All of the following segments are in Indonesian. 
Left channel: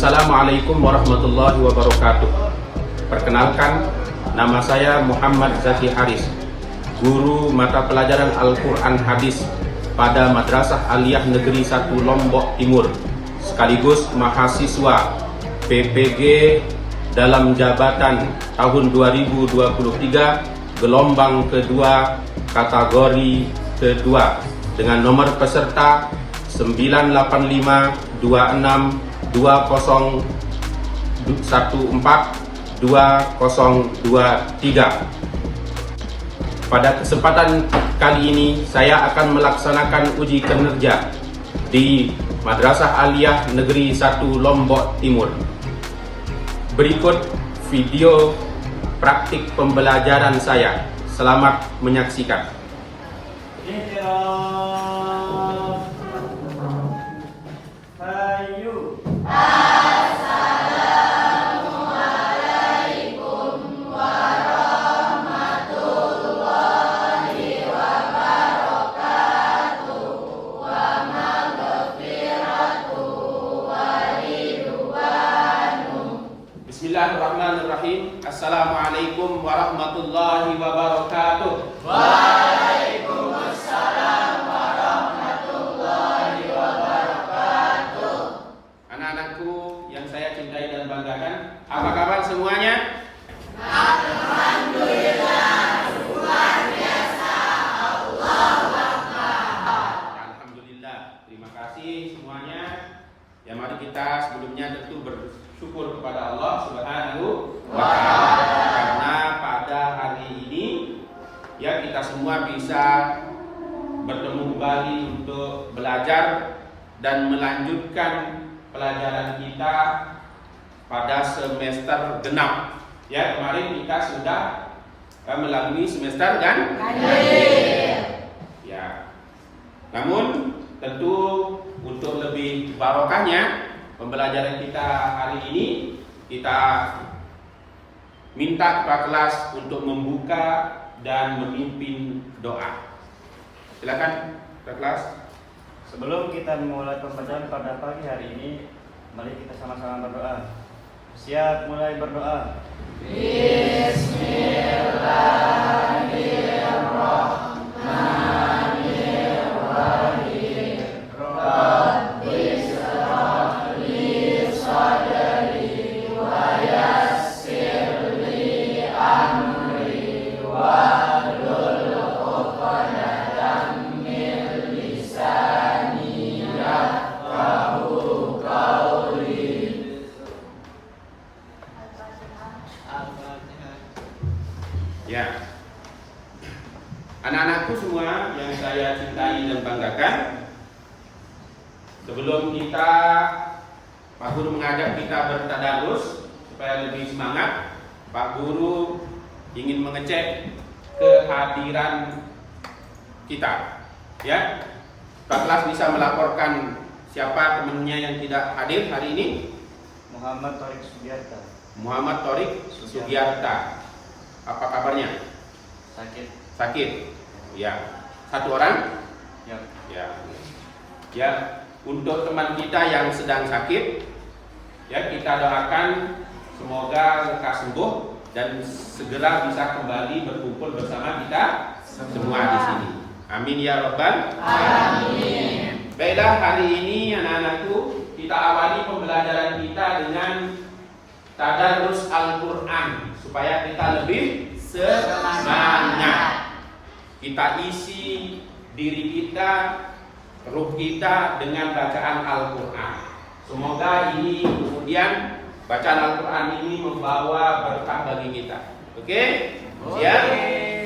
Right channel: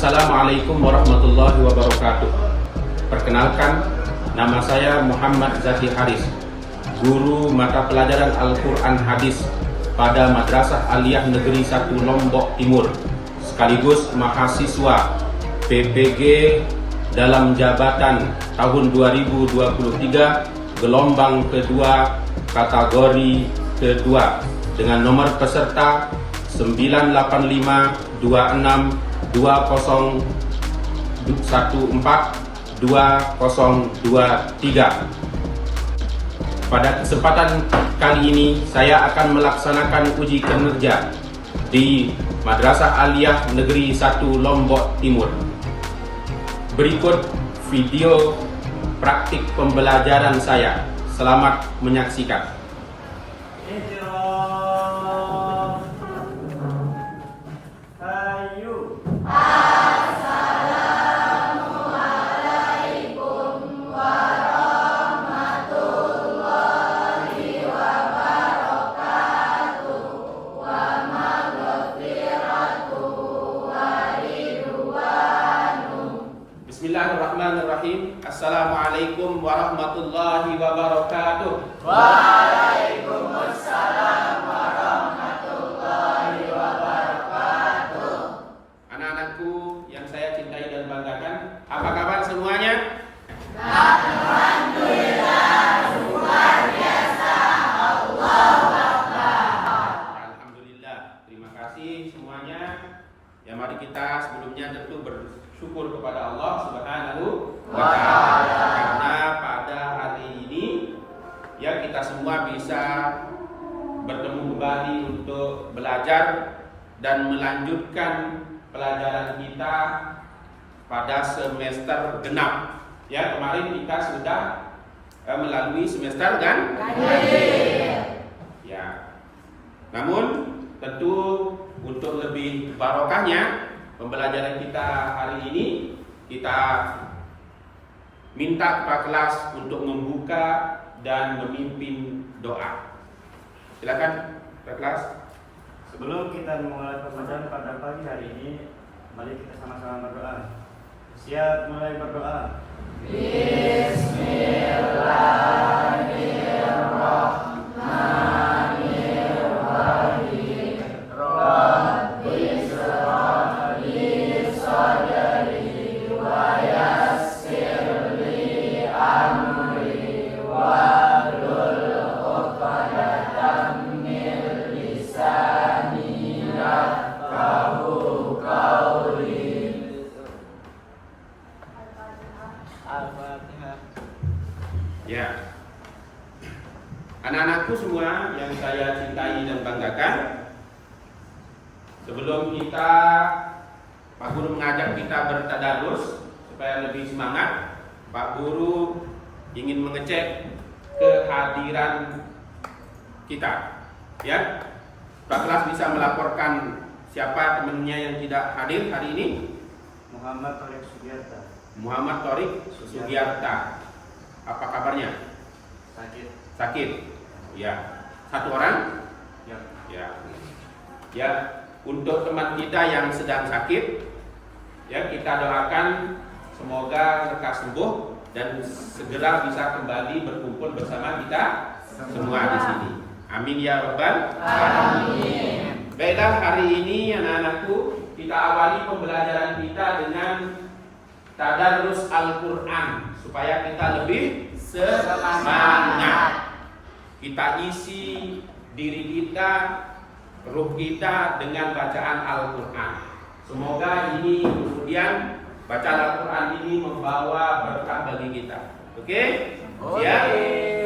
Assalamualaikum warahmatullahi wabarakatuh. Perkenalkan, nama saya Muhammad Zaki Haris, guru mata pelajaran Al-Quran Hadis pada Madrasah Aliyah Negeri 1 Lombok Timur, sekaligus mahasiswa PPG dalam jabatan tahun 2023 gelombang kedua kategori kedua dengan nomor peserta 985-26-214-2023. Pada kesempatan kali ini saya akan melaksanakan uji kinerja di Madrasah Aliyah Negeri 1 Lombok Timur. Berikut video praktik pembelajaran saya. Selamat menyaksikan. Bismillahirrahmanirrahim. Assalamualaikum warahmatullahi wabarakatuh. Waalaikumsalam warahmatullahi wabarakatuh. Anak-anakku yang saya cintai dan banggakan, apa kabar semuanya? Alhamdulillah, luar biasa. Allahu Akbar. Alhamdulillah, terima kasih semuanya. Ya, mari kita sebelumnya tentu bersyukur kepada Allah Subhanahu wa Ta'ala, karena pada hari ini ya kita semua bisa bertemu kembali untuk belajar dan melanjutkan pelajaran kita pada semester genap. Ya, kemarin kita sudah melalui semester kan? Ya. Namun tentu untuk lebih barokahnya pembelajaran kita hari ini, kita minta kepada kelas untuk membuka dan memimpin doa. Silakan kepada kelas. Sebelum kita memulai pembelajaran pada pagi hari ini, mari kita sama-sama berdoa. Siap, mulai berdoa. Bismillahirrahmanirrahim. Rabbi shrah li sadri wa yassir li amri wahlul 'uqdatam min lisani yafqahu qawli. Ya. Anak-anakku semua yang saya cintai dan banggakan, sebelum kita Pak Guru mengajak kita bertadarus supaya lebih semangat, Pak Guru ingin mengecek kehadiran kita. Ya. Pak kelas bisa melaporkan siapa temannya yang tidak hadir hari ini? Muhammad Torik Sugiarta. Muhammad Torik Sugiarta. Apa kabarnya? Sakit. Ya. Satu orang? Ya. Ya. Untuk teman kita yang sedang sakit, ya kita doakan semoga lekas sembuh dan segera bisa kembali berkumpul bersama kita semua di sini. Amin ya rabbal alamin. Baiklah, hari ini anak-anakku kita awali pembelajaran kita dengan tadarus Al-Quran supaya kita lebih semangat. Kita isi diri kita, ruh kita dengan bacaan Al-Quran. Semoga ini kemudian bacaan Al-Quran ini membawa berkah bagi kita. Oke? Siap?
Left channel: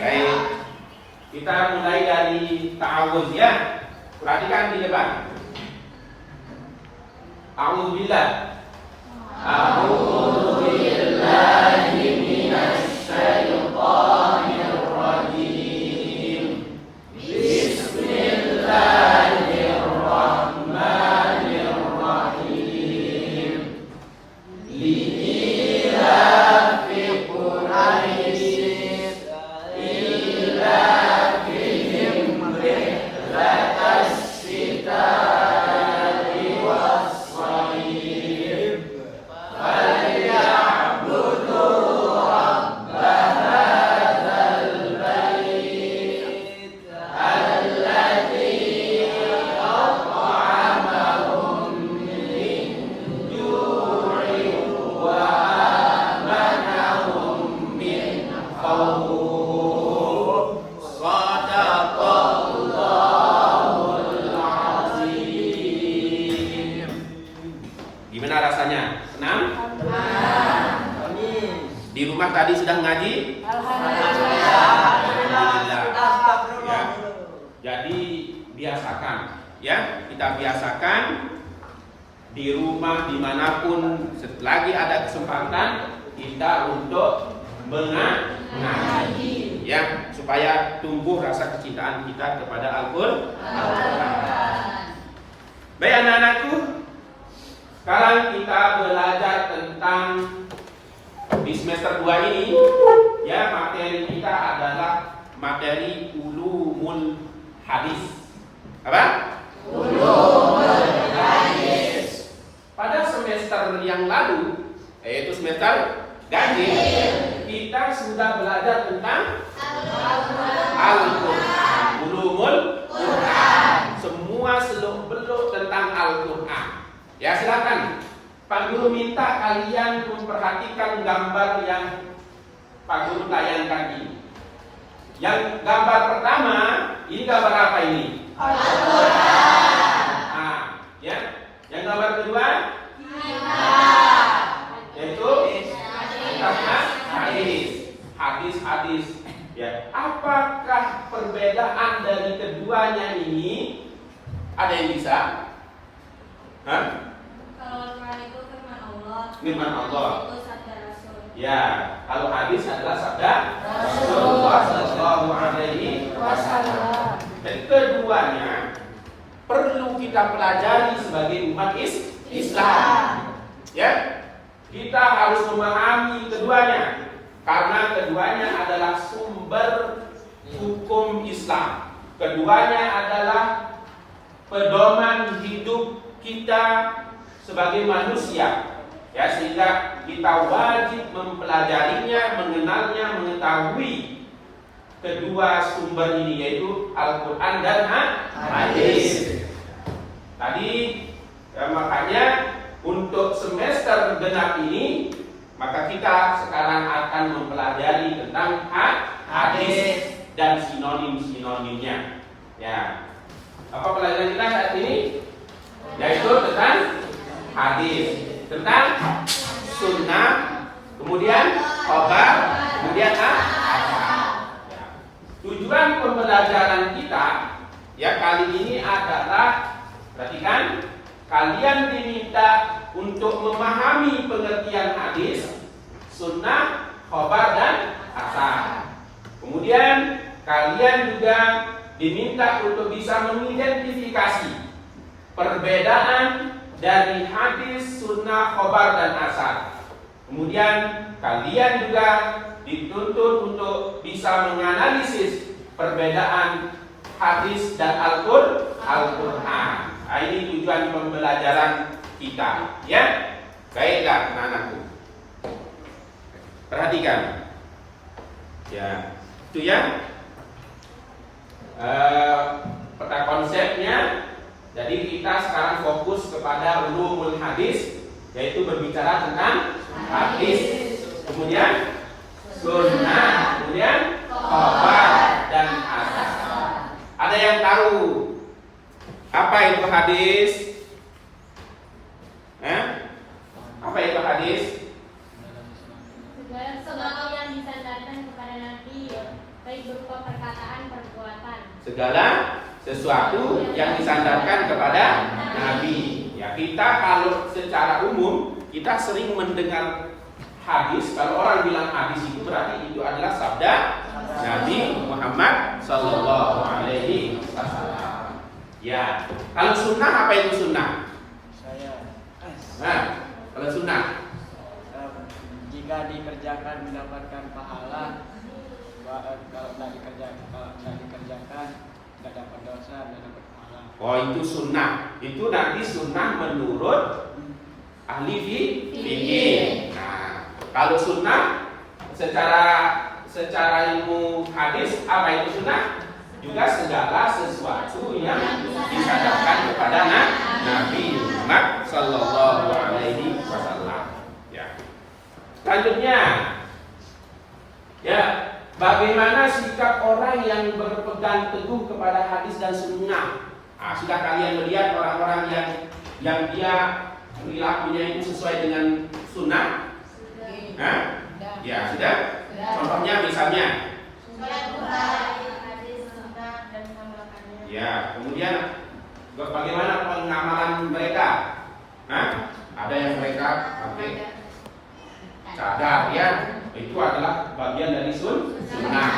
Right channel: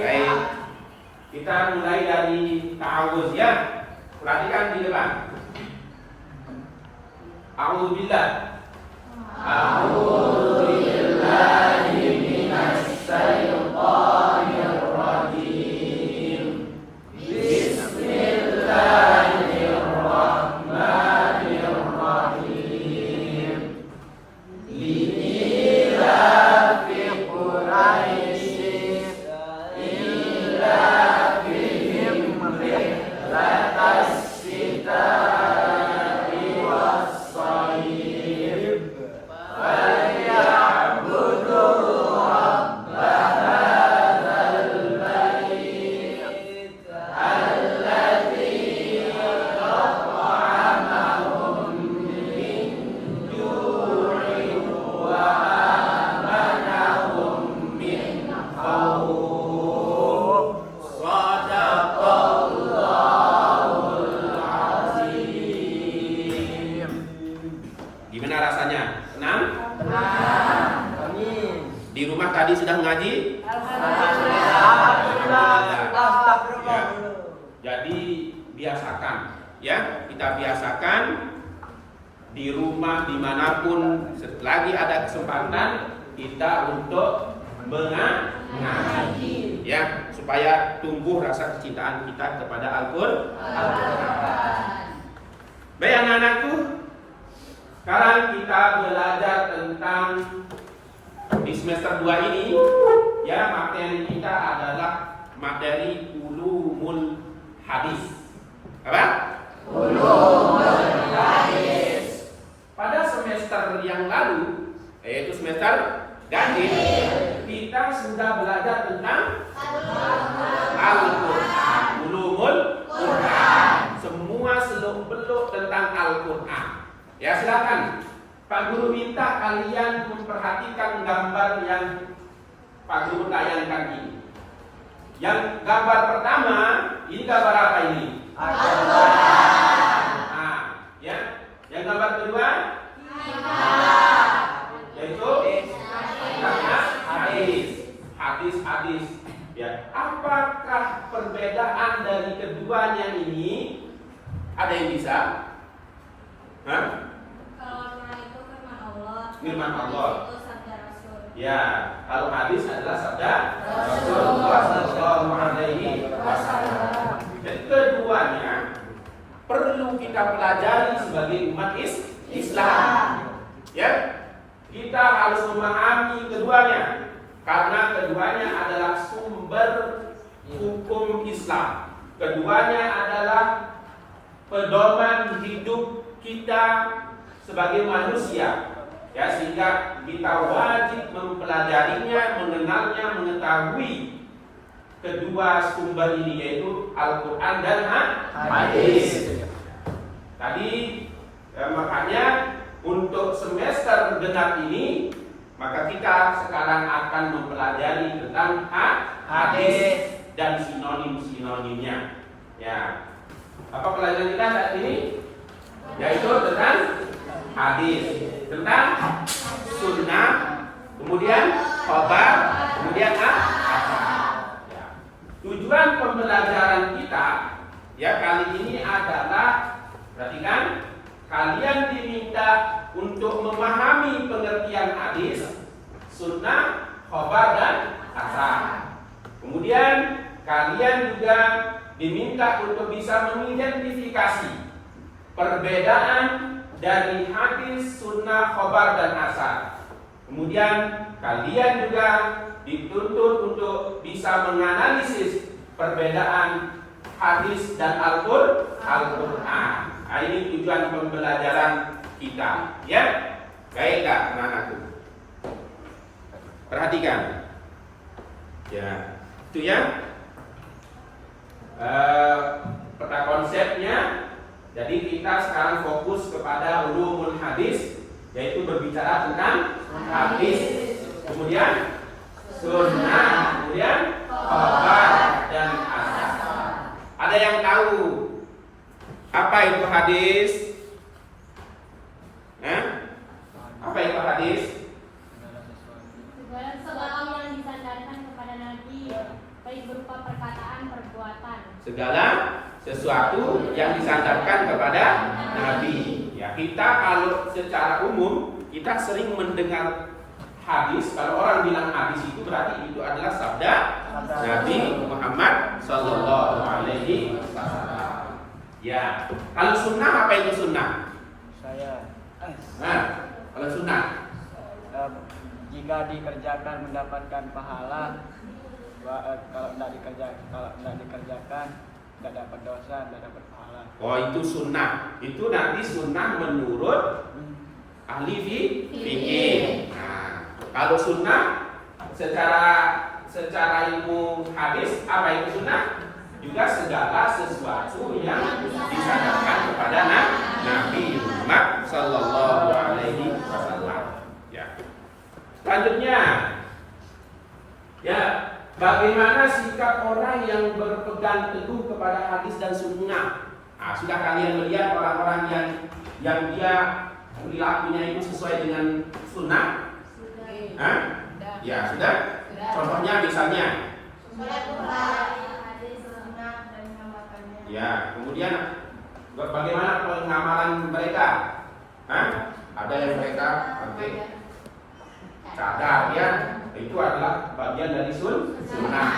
Baik. Kita mulai dari ta'awudz ya. Perhatikan di depan. A'udzubillah. A'udzubillahi minasyaitonir rajim. Bismillahirrahmanirrahim. Li'ilafi Quraisy ilafihim rihlatas syita'i was-shayf Bagaimana rasanya? Senang? Di rumah tadi sudah ngaji? Alhamdulillah. Ya. Jadi biasakan, ya, kita biasakan di rumah dimanapun selagi ada kesempatan kita untuk mengaji, ya, supaya tumbuh rasa kecintaan kita kepada Al-Qur'an. Baik anak-anakku, sekarang kita belajar tentang di semester 2 ini, ya, materi kita adalah materi ulumul hadis. Apa? Ulumul hadis. Pada semester yang lalu, yaitu semester ganjil, kita sudah belajar tentang Al-Quran, ulumul Quran, semua seluk-beluk tentang Al-Quran. Ya, silakan. Pak Guru minta kalian memperhatikan gambar yang Pak Guru tayangkan ini. Yang gambar pertama, ini gambar apa ini? Al-Quran. Ya. Yang gambar kedua, yaitu hadis. Ya. Apakah perbedaan dari keduanya ini? Ada yang bisa? Hah? Kalau Quran itu Firman Allah. Itu sabda Rasul. Ya, kalau hadis adalah sabda Rasulullah Sallallahu Alaihi Wasallam. Dan keduanya perlu kita pelajari sebagai umat Islam. Ya, kita harus memahami keduanya karena keduanya adalah sumber hukum Islam. Keduanya adalah pedoman hidup kita sebagai manusia. Ya, sehingga kita wajib mempelajarinya, mengenalnya, mengetahui kedua sumber ini, yaitu Al-Quran dan hadis. Tadi makanya untuk semester genap ini, maka kita sekarang akan mempelajari tentang hadis dan sinonim-sinonimnya. Ya, apa pelajaran kita saat ini? Yaitu tentang hadis, tentang sunnah, kemudian khabar, kemudian asar. Ya. Tujuan pembelajaran kita, ya, kali ini adalah, perhatikan, kalian diminta untuk memahami pengertian hadis, sunnah, khabar dan asar. Kemudian kalian juga diminta untuk bisa mengidentifikasi perbedaan dari hadis, sunnah, khobar, dan asar. Kemudian kalian juga dituntut untuk bisa menganalisis perbedaan hadis dan Al-Quran. Nah, ini tujuan pembelajaran kita, ya. Baiklah anak-anakku, perhatikan, ya, itu ya. Peta konsepnya. Jadi kita sekarang fokus kepada ulumul hadis, yaitu berbicara tentang hadis, kemudian sunnah, kemudian khabar dan asar. Ada yang tahu apa itu hadis? Apa itu hadis? Segala yang disandarkan kepada Nabi, baik berupa perkataan, perbuatan. Segala sesuatu yang disandarkan kepada Nabi. Ya, kita kalau secara umum kita sering mendengar hadis. Kalau orang bilang hadis itu berarti itu adalah sabda Nabi Muhammad Sallallahu Alaihi Wasallam. Ya, kalau sunnah, apa itu sunnah? Nah, kalau sunnah, jika dikerjakan mendapatkan pahala, kalau tidak dikerjakan tidak dapat dosa, tidak dapat pahala. Oh, itu sunnah. Itu nanti sunnah menurut ahli fikih. Nah, kalau sunnah secara ilmu hadis, apa itu sunnah? Juga segala sesuatu yang disandarkan kepada Nabi Muhammad Sallallahu Alaihi Wasallam. Ya. Selanjutnya, ya, bagaimana sikap orang yang berpegang teguh kepada hadis dan sunnah? Nah, sudah kalian melihat orang-orang yang dia perilakunya itu sesuai dengan sunnah? Hah? Ya, sudah. Contohnya misalnya, ya, kemudian bagaimana pengamalan mereka? Hah? Ada yang mereka pakai cadar, ya, itu adalah bagian dari sunnah.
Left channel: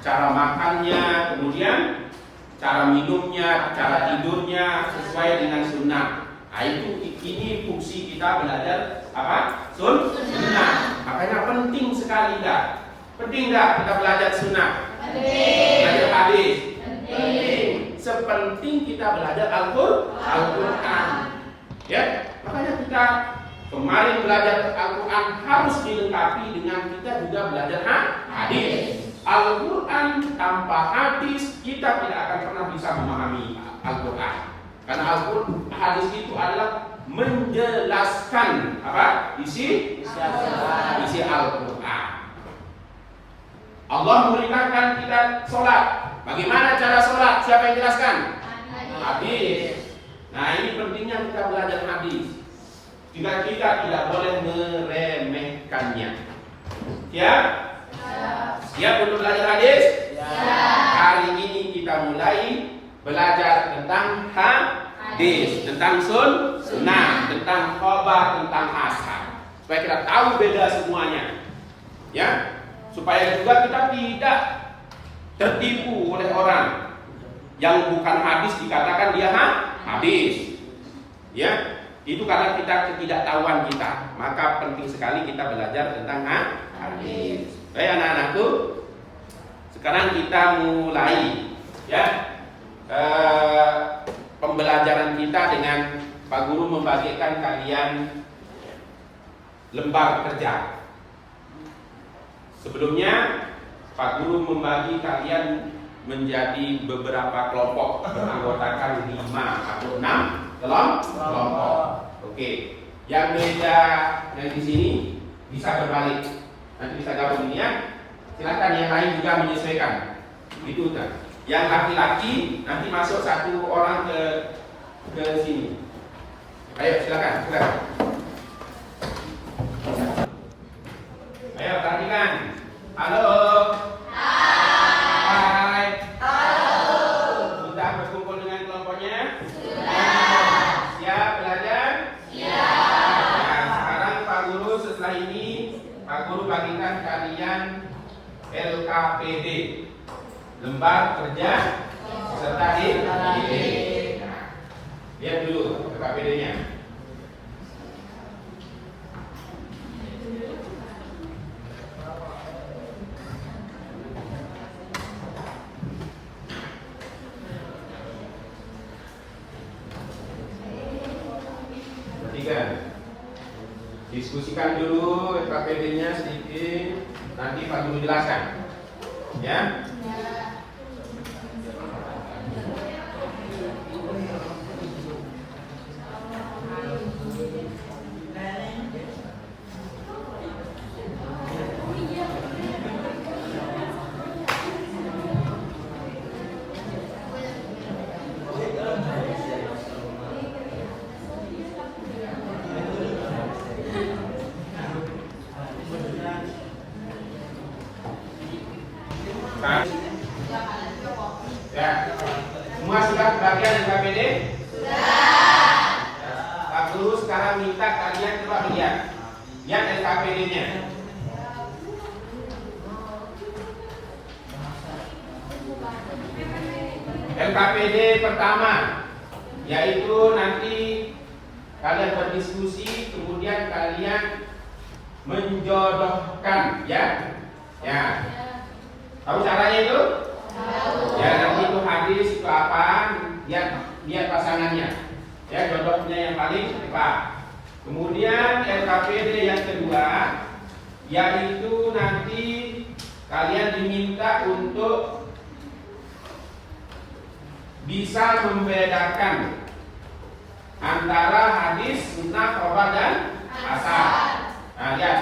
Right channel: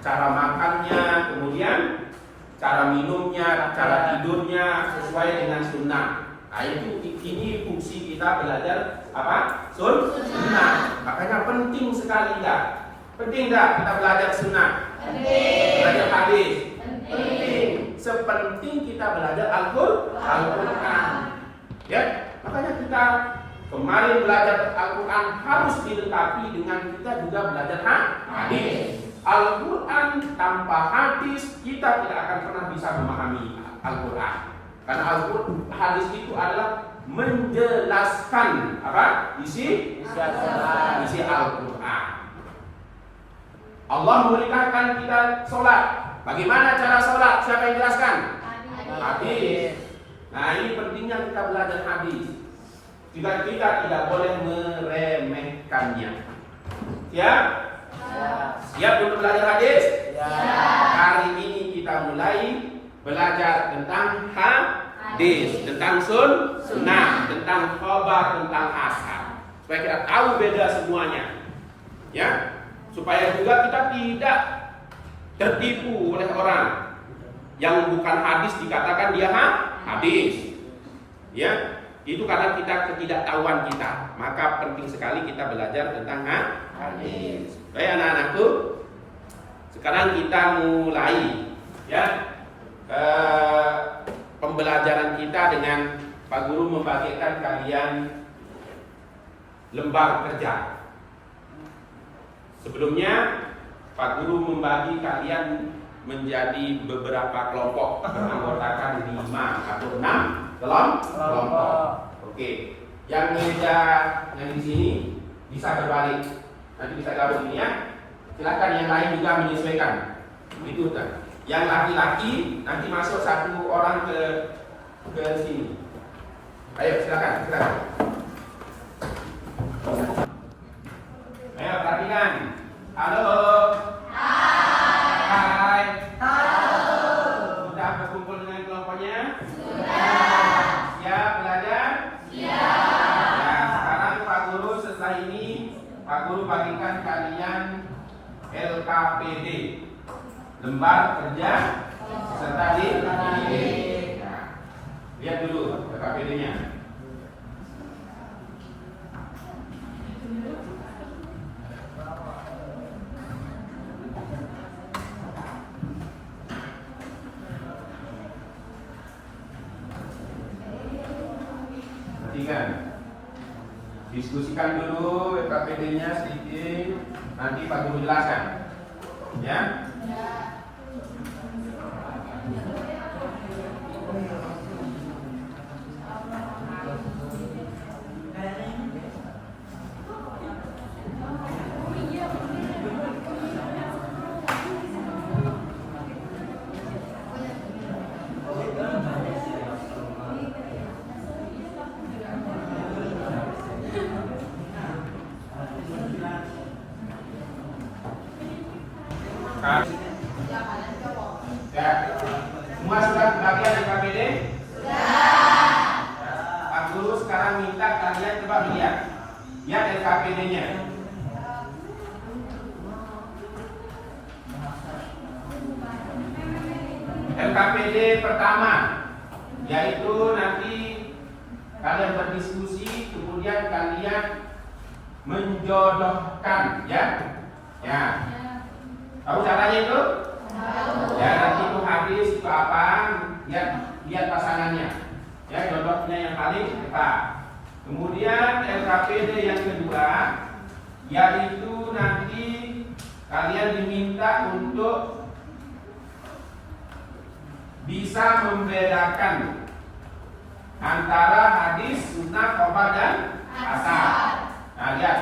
Cara makannya, kemudian cara minumnya, cara tidurnya sesuai dengan sunnah. Nah, ini fungsi kita belajar apa? Sunnah. Makanya penting sekali enggak? Penting enggak kita belajar sunnah? Penting. Belajar hadis? Penting. Sepenting kita belajar Al-Quran. Ya, makanya kita kemarin belajar Al-Quran harus dilengkapi dengan kita juga belajar hadis. Al-Quran tanpa hadis kita tidak akan pernah bisa memahami Al-Quran. Karena hadis itu adalah menjelaskan apa? Isi Al-Quran. Allah memerintahkan kita sholat. Bagaimana cara sholat? Siapa yang jelaskan? Hadis. Nah, ini pentingnya kita belajar hadis. Juga kita tidak boleh meremehkannya. Ya? Siap untuk belajar hadis? Hari ini kita mulai belajar tentang hadis, tentang sunnah, tentang khabar, tentang asar. Supaya kita tahu beda semuanya. Ya? Supaya juga kita tidak tertipu oleh orang yang bukan hadis dikatakan dia hadis. Ya? Itu karena kita ketidaktahuan kita. Maka penting sekali kita belajar tentang hadis. Baik anak-anakku, sekarang kita mulai ya pembelajaran kita dengan Pak Guru membagikan kalian lembar kerja. Sebelumnya Pak Guru membagi kalian menjadi beberapa kelompok beranggotakan 5 atau 6 kelompok. Oke, yang meja yang di sini bisa berbalik, nanti bisa gabung ini ya. Silakan yang lain juga menyesuaikan. Itu kan. Yang laki-laki nanti masuk 1 orang ke sini. Ayo silakan. Ayo perhatikan. Halo. Hai. Sudah berkumpul dengan kelompoknya? Sudah. Siap belajar? Siap. Nah, sekarang Pak Guru setelah ini Pak Guru bagikan kalian LKPD, lembar kerja peserta didik. Nah, lihat dulu LKPD-nya. Diskusikan dulu LKPD-nya sedikit, nanti Pak Guru jelaskan. Ya? Ya, semua sudah kebagian LKPD? Sudah. Pak Guru sekarang minta kalian coba lihat LKPD-nya. LKPD pertama, yaitu nanti kalian berdiskusi, kemudian kalian menjodohkan, ya. Ya. Tahu caranya itu? Ya, nanti itu hadis itu apa? Lihat pasangannya. Ya, jodohnya yang paling tepat. Kemudian LKPD yang kedua, yaitu nanti kalian diminta untuk bisa membedakan antara hadis, sunnah, khabar dan asar. Nah, lihat.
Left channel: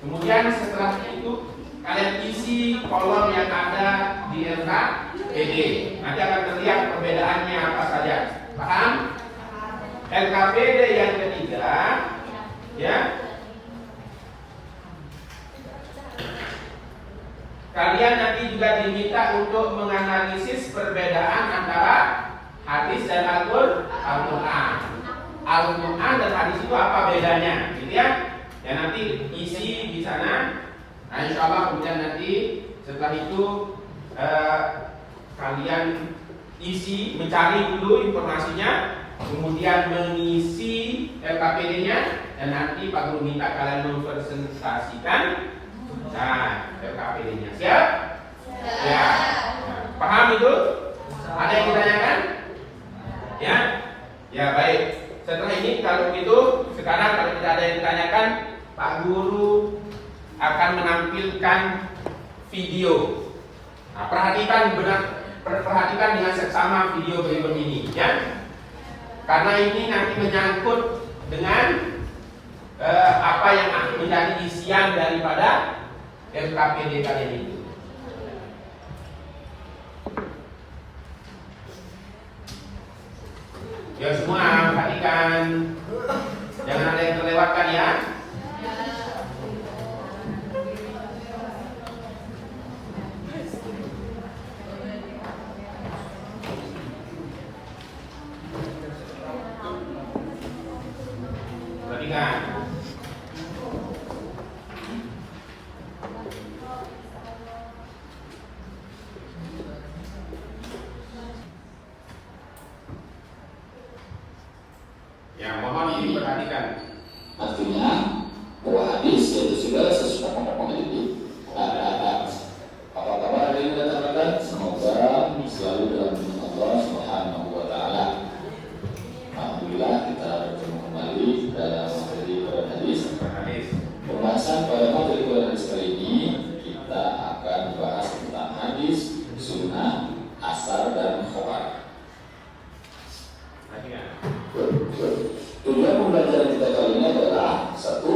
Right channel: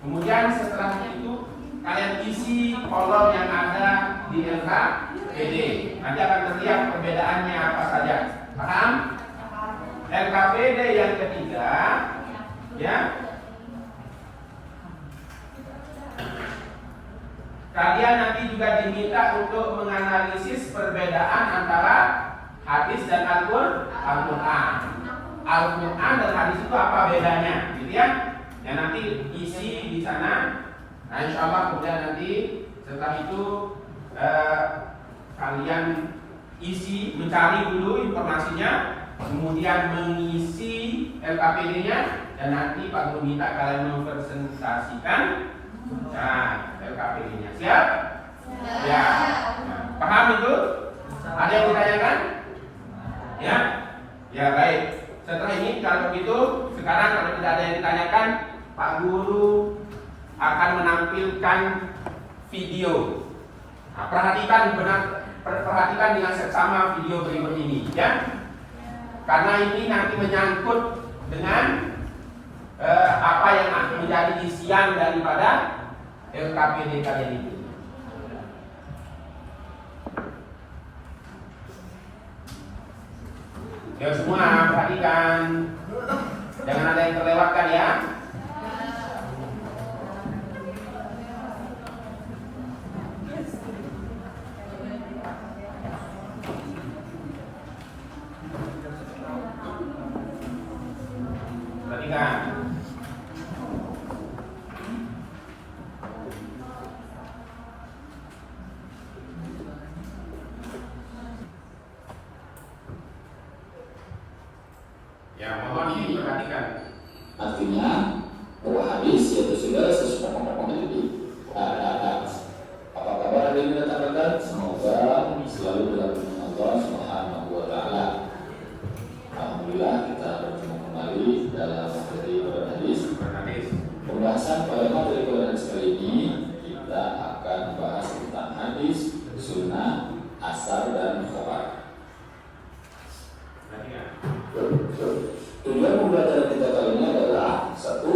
Kemudian setelah itu kalian isi kolom yang ada di LKPD. Nanti akan terlihat perbedaannya apa saja. Paham? LKPD yang ketiga, ya, kalian nanti juga diminta untuk menganalisis perbedaan antara hadis dan Al-Quran. Al-Quran dan hadis itu apa bedanya, gitu ya? Ya nanti isi di sana. Nah, insya Allah kemudian nanti setelah itu kalian isi, mencari dulu informasinya, kemudian mengisi LKPD-nya, dan nanti Pak Guru minta kalian mempresentasikan LKPD-nya. Siap? Ya. Nah, paham itu? Ada yang ditanyakan? Ya? Ya baik. Setelah ini kalau begitu, sekarang kalau tidak ada yang ditanyakan, Pak Guru akan menampilkan video. Nah, perhatikan dengan seksama video berikut ini, ya. Karena ini nanti menyangkut dengan apa yang menjadi isian daripada LKPD kalian itu. Ya semua perhatikan, jangan ada yang terlewatkan ya. Perhatikan. Ya, mohon diperhatikan. Artinya bahwa hadis yaitu segala sesuatu mendidik. Apa kabar hari ini rekan-rekan? Semoga selalu dalam lindungan Allah Subhanahu wa taala. Alhamdulillah kita bertemu kembali dalam materi Quran hadis. Pembahasan pada materi Quran hadis kali ini kita akan membahas tentang hadis, sunnah, asar dan khobar. Tujuan pembelajaran kita kali ini adalah satu,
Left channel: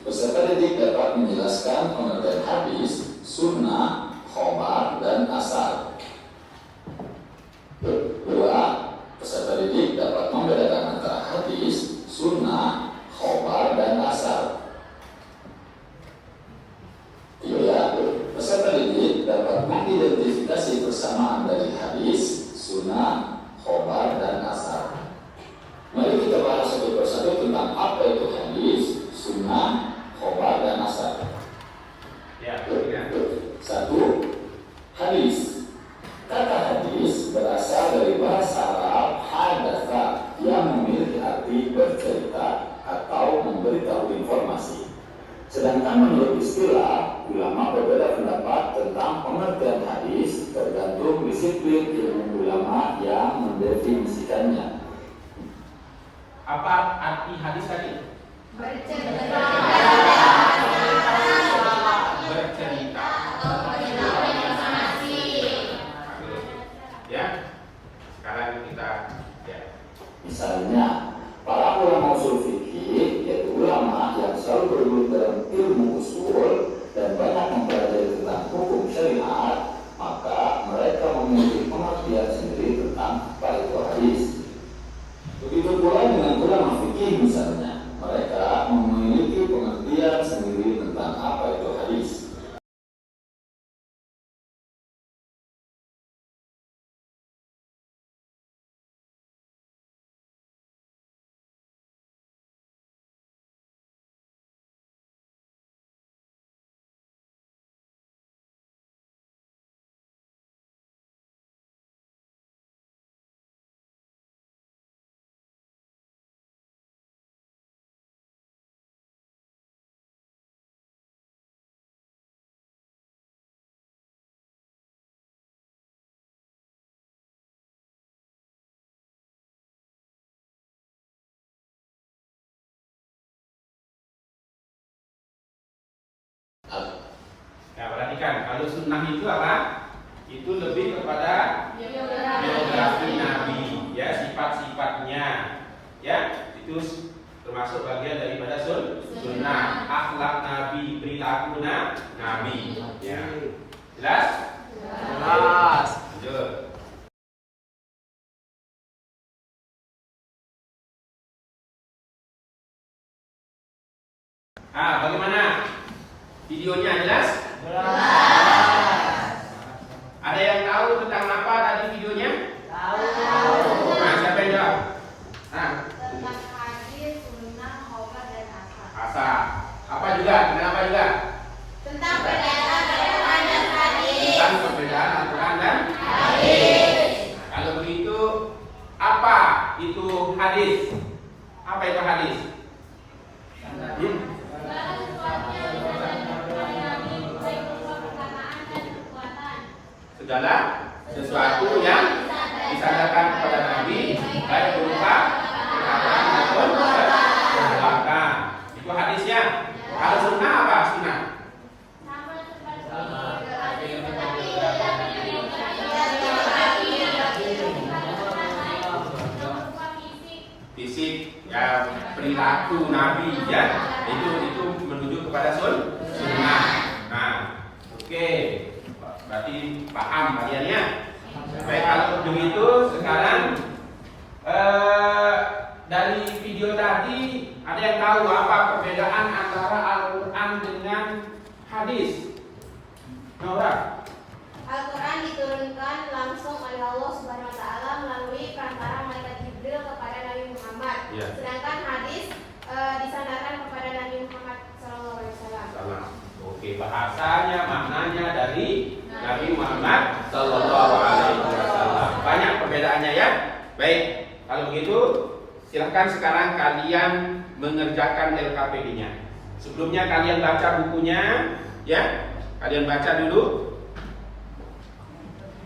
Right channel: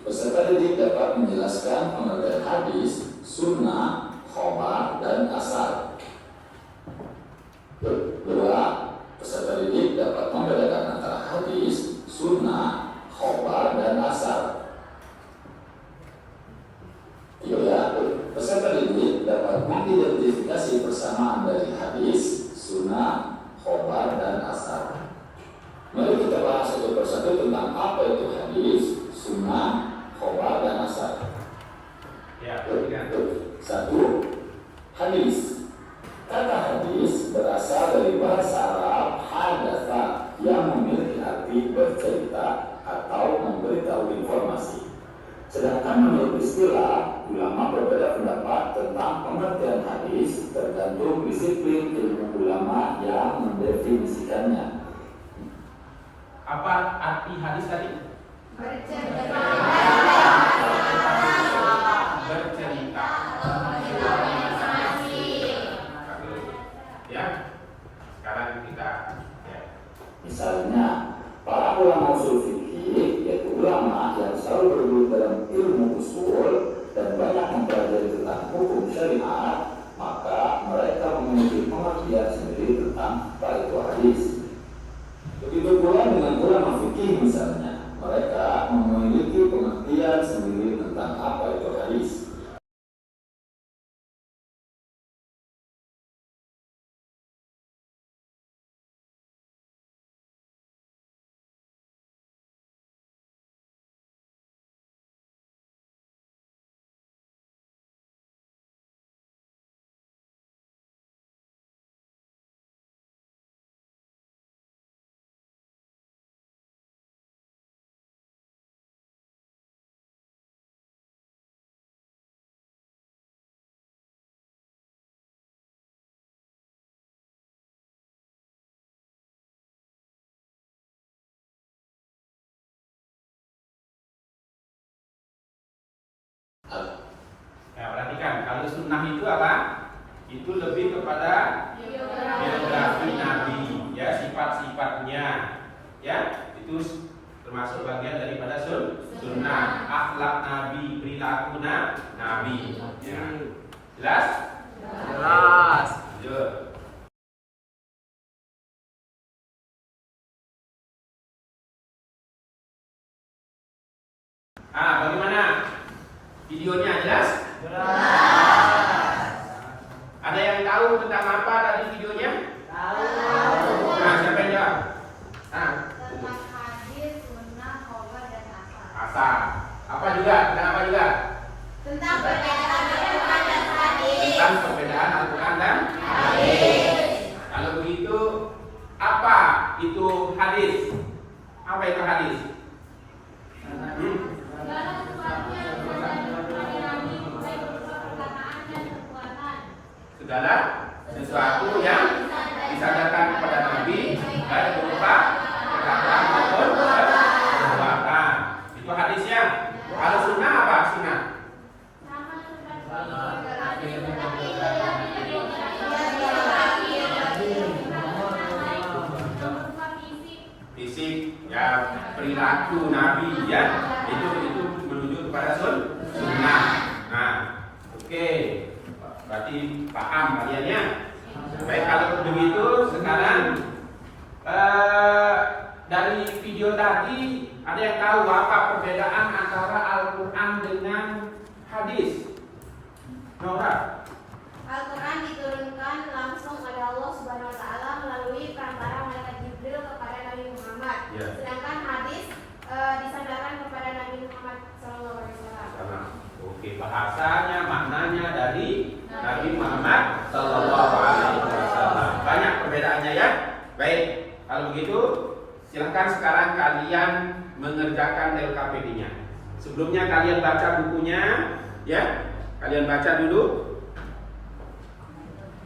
peserta didik dapat menjelaskan pengertian hadis, sunnah, khobar, dan asar. Dua, peserta didik dapat membedakan antara hadis, sunnah, khobar, dan asar. Tiga, peserta didik dapat mengidentifikasi persamaan dari hadis, sunnah, khobar, dan asar. Mari kita bahas satu persatu tentang apa itu hadis, sunnah, khobar, dan asar. Ya, Satu, hadis. Kata hadis berasal dari bahasa Arab hadatsa yang memiliki arti bercerita atau memberitahu informasi. Sedangkan menurut istilah, ulama berbeda pendapat tentang pengertian hadis tergantung disiplin ilmu ulama yang mendefinisikannya. apa arti hadis tadi? Bercerita. Bercerita. Ya. Sekarang kita ya. Misalnya, para ulama usul fikih, yaitu ulama yang selalu bergelut dalam ilmu usul dan banyak mempelajari tentang hukum syariat, maka mereka memiliki pengertian sendiri tentang apa itu hadis. Begitu pula dengan ulama fikih misalnya, mereka memiliki pengertian sendiri tentang apa itu hadis. Ya, perhatikan, kalau sunnah itu apa? Itu lebih kepada biografi Nabi, ya, sifat-sifatnya, ya, itu termasuk bagian daripada sunnah, akhlak Nabi, perilaku Nabi, ya, jelas? Jelas. Lanjut. Bagaimana? Videonya jelas? Ada yang tahu tentang apa tadi videonya? Nah, siapa yang jawab? Tentang hadis, sunnah, khobar, dan asar. Asar. Apa juga? Kenapa juga? Tentang perbedaan Al-Quran dan hadis. Tentang perbedaan Al-Quran dan hadis. Kalau begitu, apa itu hadis? Apa itu hadis? Segala sesuatu yang disandarkan kepada Nabi, baik berupa perkataan dan perbuatan. Segala sesuatu yang disandarkan kepada Nabi, baik berupa perkataan maupun perbuatan. Itu hadisnya. Kalau sunnah apa? Sunnah. Sama seperti Fisik, ya perilaku Nabi, ya itu menuju kepada sunnah. Nah, oke, berarti paham kalian ya. Baik, kalau begitu sekarang dari video tadi ada yang tahu apa perbedaan antara Al-Quran dengan hadis? Nora? Al-Quran diturunkan langsung oleh Allah Subhanahu wa taala melalui perantara malaikat Jibril kepada Nabi Muhammad. Ya. Sedangkan hadis disandarkan kepada Nabi Muhammad SAW. Sama. Oke, bahasanya maknanya dari Nabi Muhammad Sallallahu Alaihi Wasallam. Banyak perbedaannya ya. Baik, kalau begitu silahkan sekarang kalian mengerjakan LKPD-nya. Sebelumnya kalian baca bukunya, ya. Kalian baca dulu,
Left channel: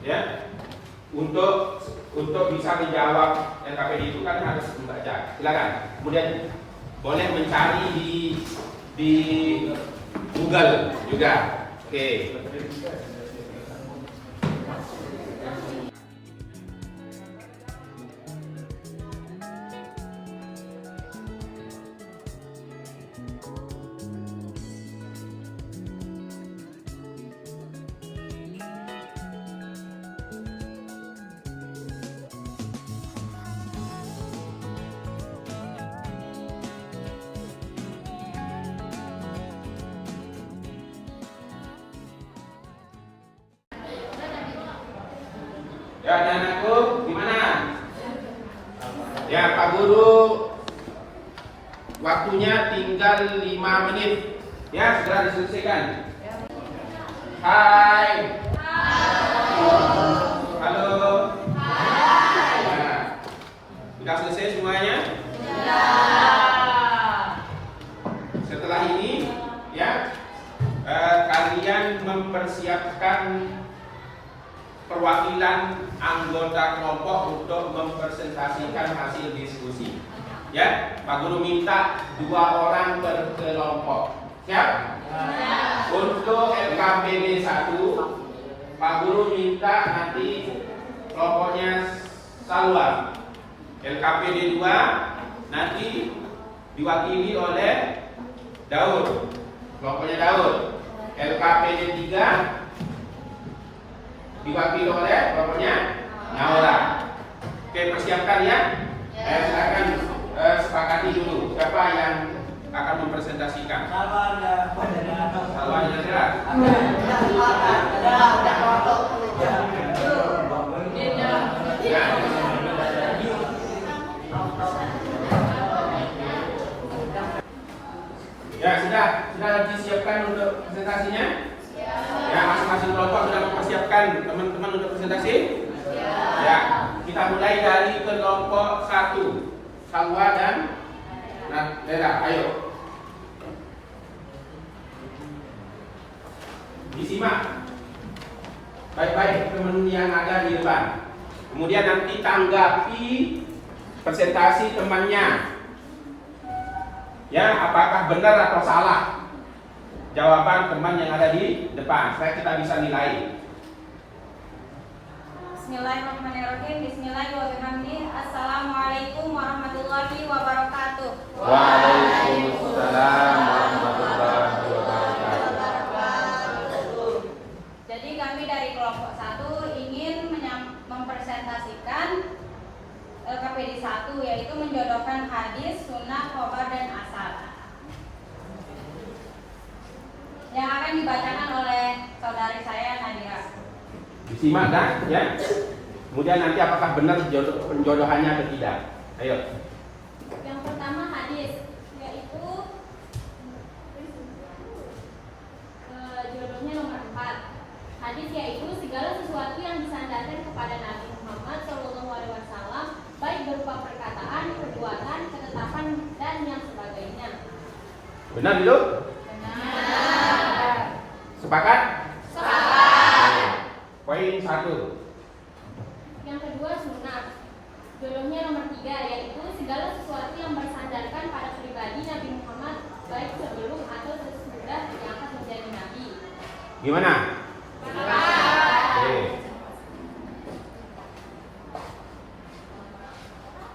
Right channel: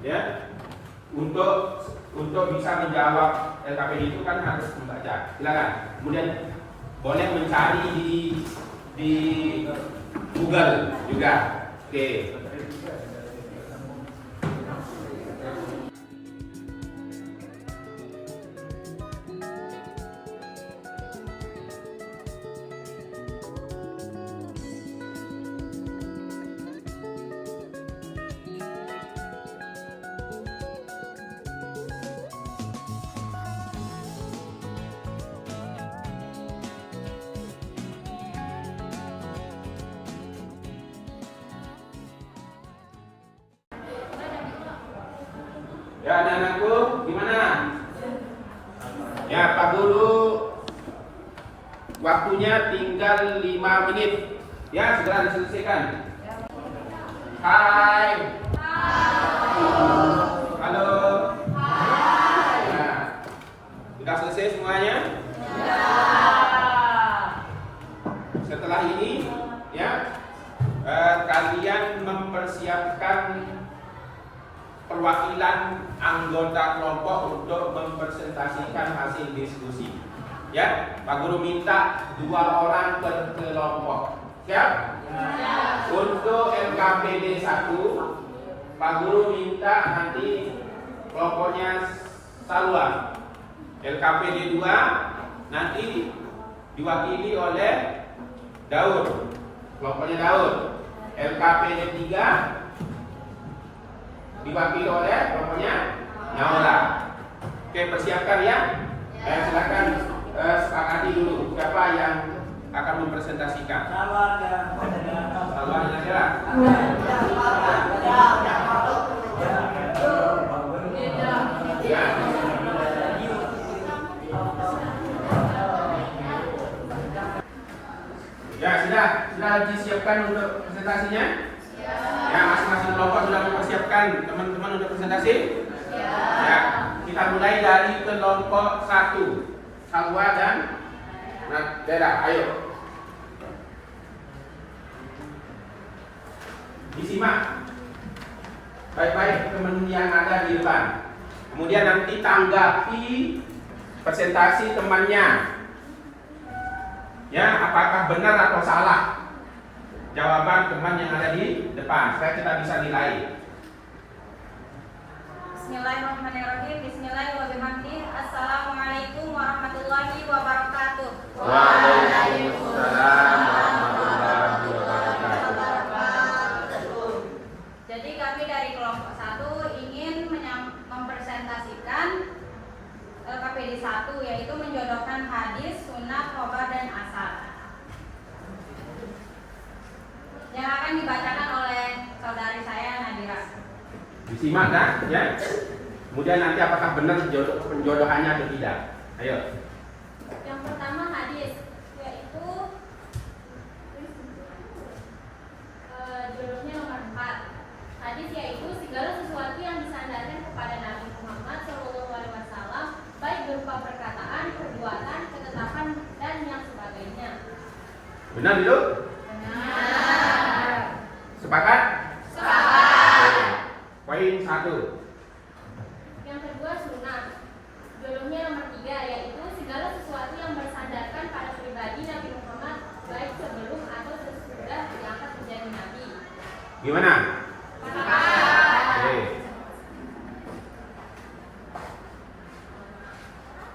ya. Untuk bisa menjawab LKPD itu kan harus membaca. Silakan. Kemudian boleh mencari di Google juga. Oke. Ya, anak-anakku, gimana? Ya, Pak Guru, waktunya tinggal 5 menit. Ya, segera diselesaikan. Hai. Halo. Nah, sudah selesai semuanya? Setelah ini, ya, kalian mempersiapkan perwakilan anggota kelompok untuk mempresentasikan hasil diskusi. Ya, Pak Guru minta 2 orang per kelompok. Siap? Untuk LKPD 1, Pak Guru minta nanti kelompoknya Salwa. LKPD 2 nanti diwakili oleh Daud. Kelompoknya Daud. LKPD 3 diwakili oleh kelompoknya Naura. Oke, persiapkan ya. Silakan sepakati dulu siapa yang akan mempresentasikan. Salwan ada. Ya. Ya, sudah disiapkan untuk presentasinya? Ya, masing-masing kelompok sudah mempersiapkan teman-teman untuk presentasi? Ya, kita mulai dari kelompok 1, Salwa dan Bella. Ayo. Disimak baik-baik teman yang ada di depan. Kemudian nanti tanggapi presentasi temannya. Ya, apakah benar atau salah jawaban teman yang ada di depan, supaya kita bisa nilai. Bismillahirrahmanirrahim. Bismillahirrahmanirrahim. Assalamualaikum warahmatullahi wabarakatuh. Waalaikumsalam warahmatullahi wabarakatuh. Jadi kami dari kelompok 1 ingin mempresentasikan KPD 1, yaitu menjodohkan hadis, sunnah, khobar, dan asar. yang akan dibacakan oleh saudari saya Nadira. Disimak kan? Ya. Kemudian nanti apakah benar penjodohannya atau tidak? Ayo. Yang pertama hadis, yaitu jodohnya nomor 4. Hadis yaitu segala sesuatu yang disandarkan kepada Nabi Muhammad SAW, baik berupa perkataan, perbuatan, ketetapan, dan yang sebagainya. Benar itu? Benar. Sepakat? Sepakat. Poin 1. Yang kedua sunnah. Jodohnya nomor 3, yaitu segala sesuatu yang bersandarkan pada pribadi Nabi Muhammad, baik sebelum atau sesudah diangkat menjadi nabi. Gimana? Oke.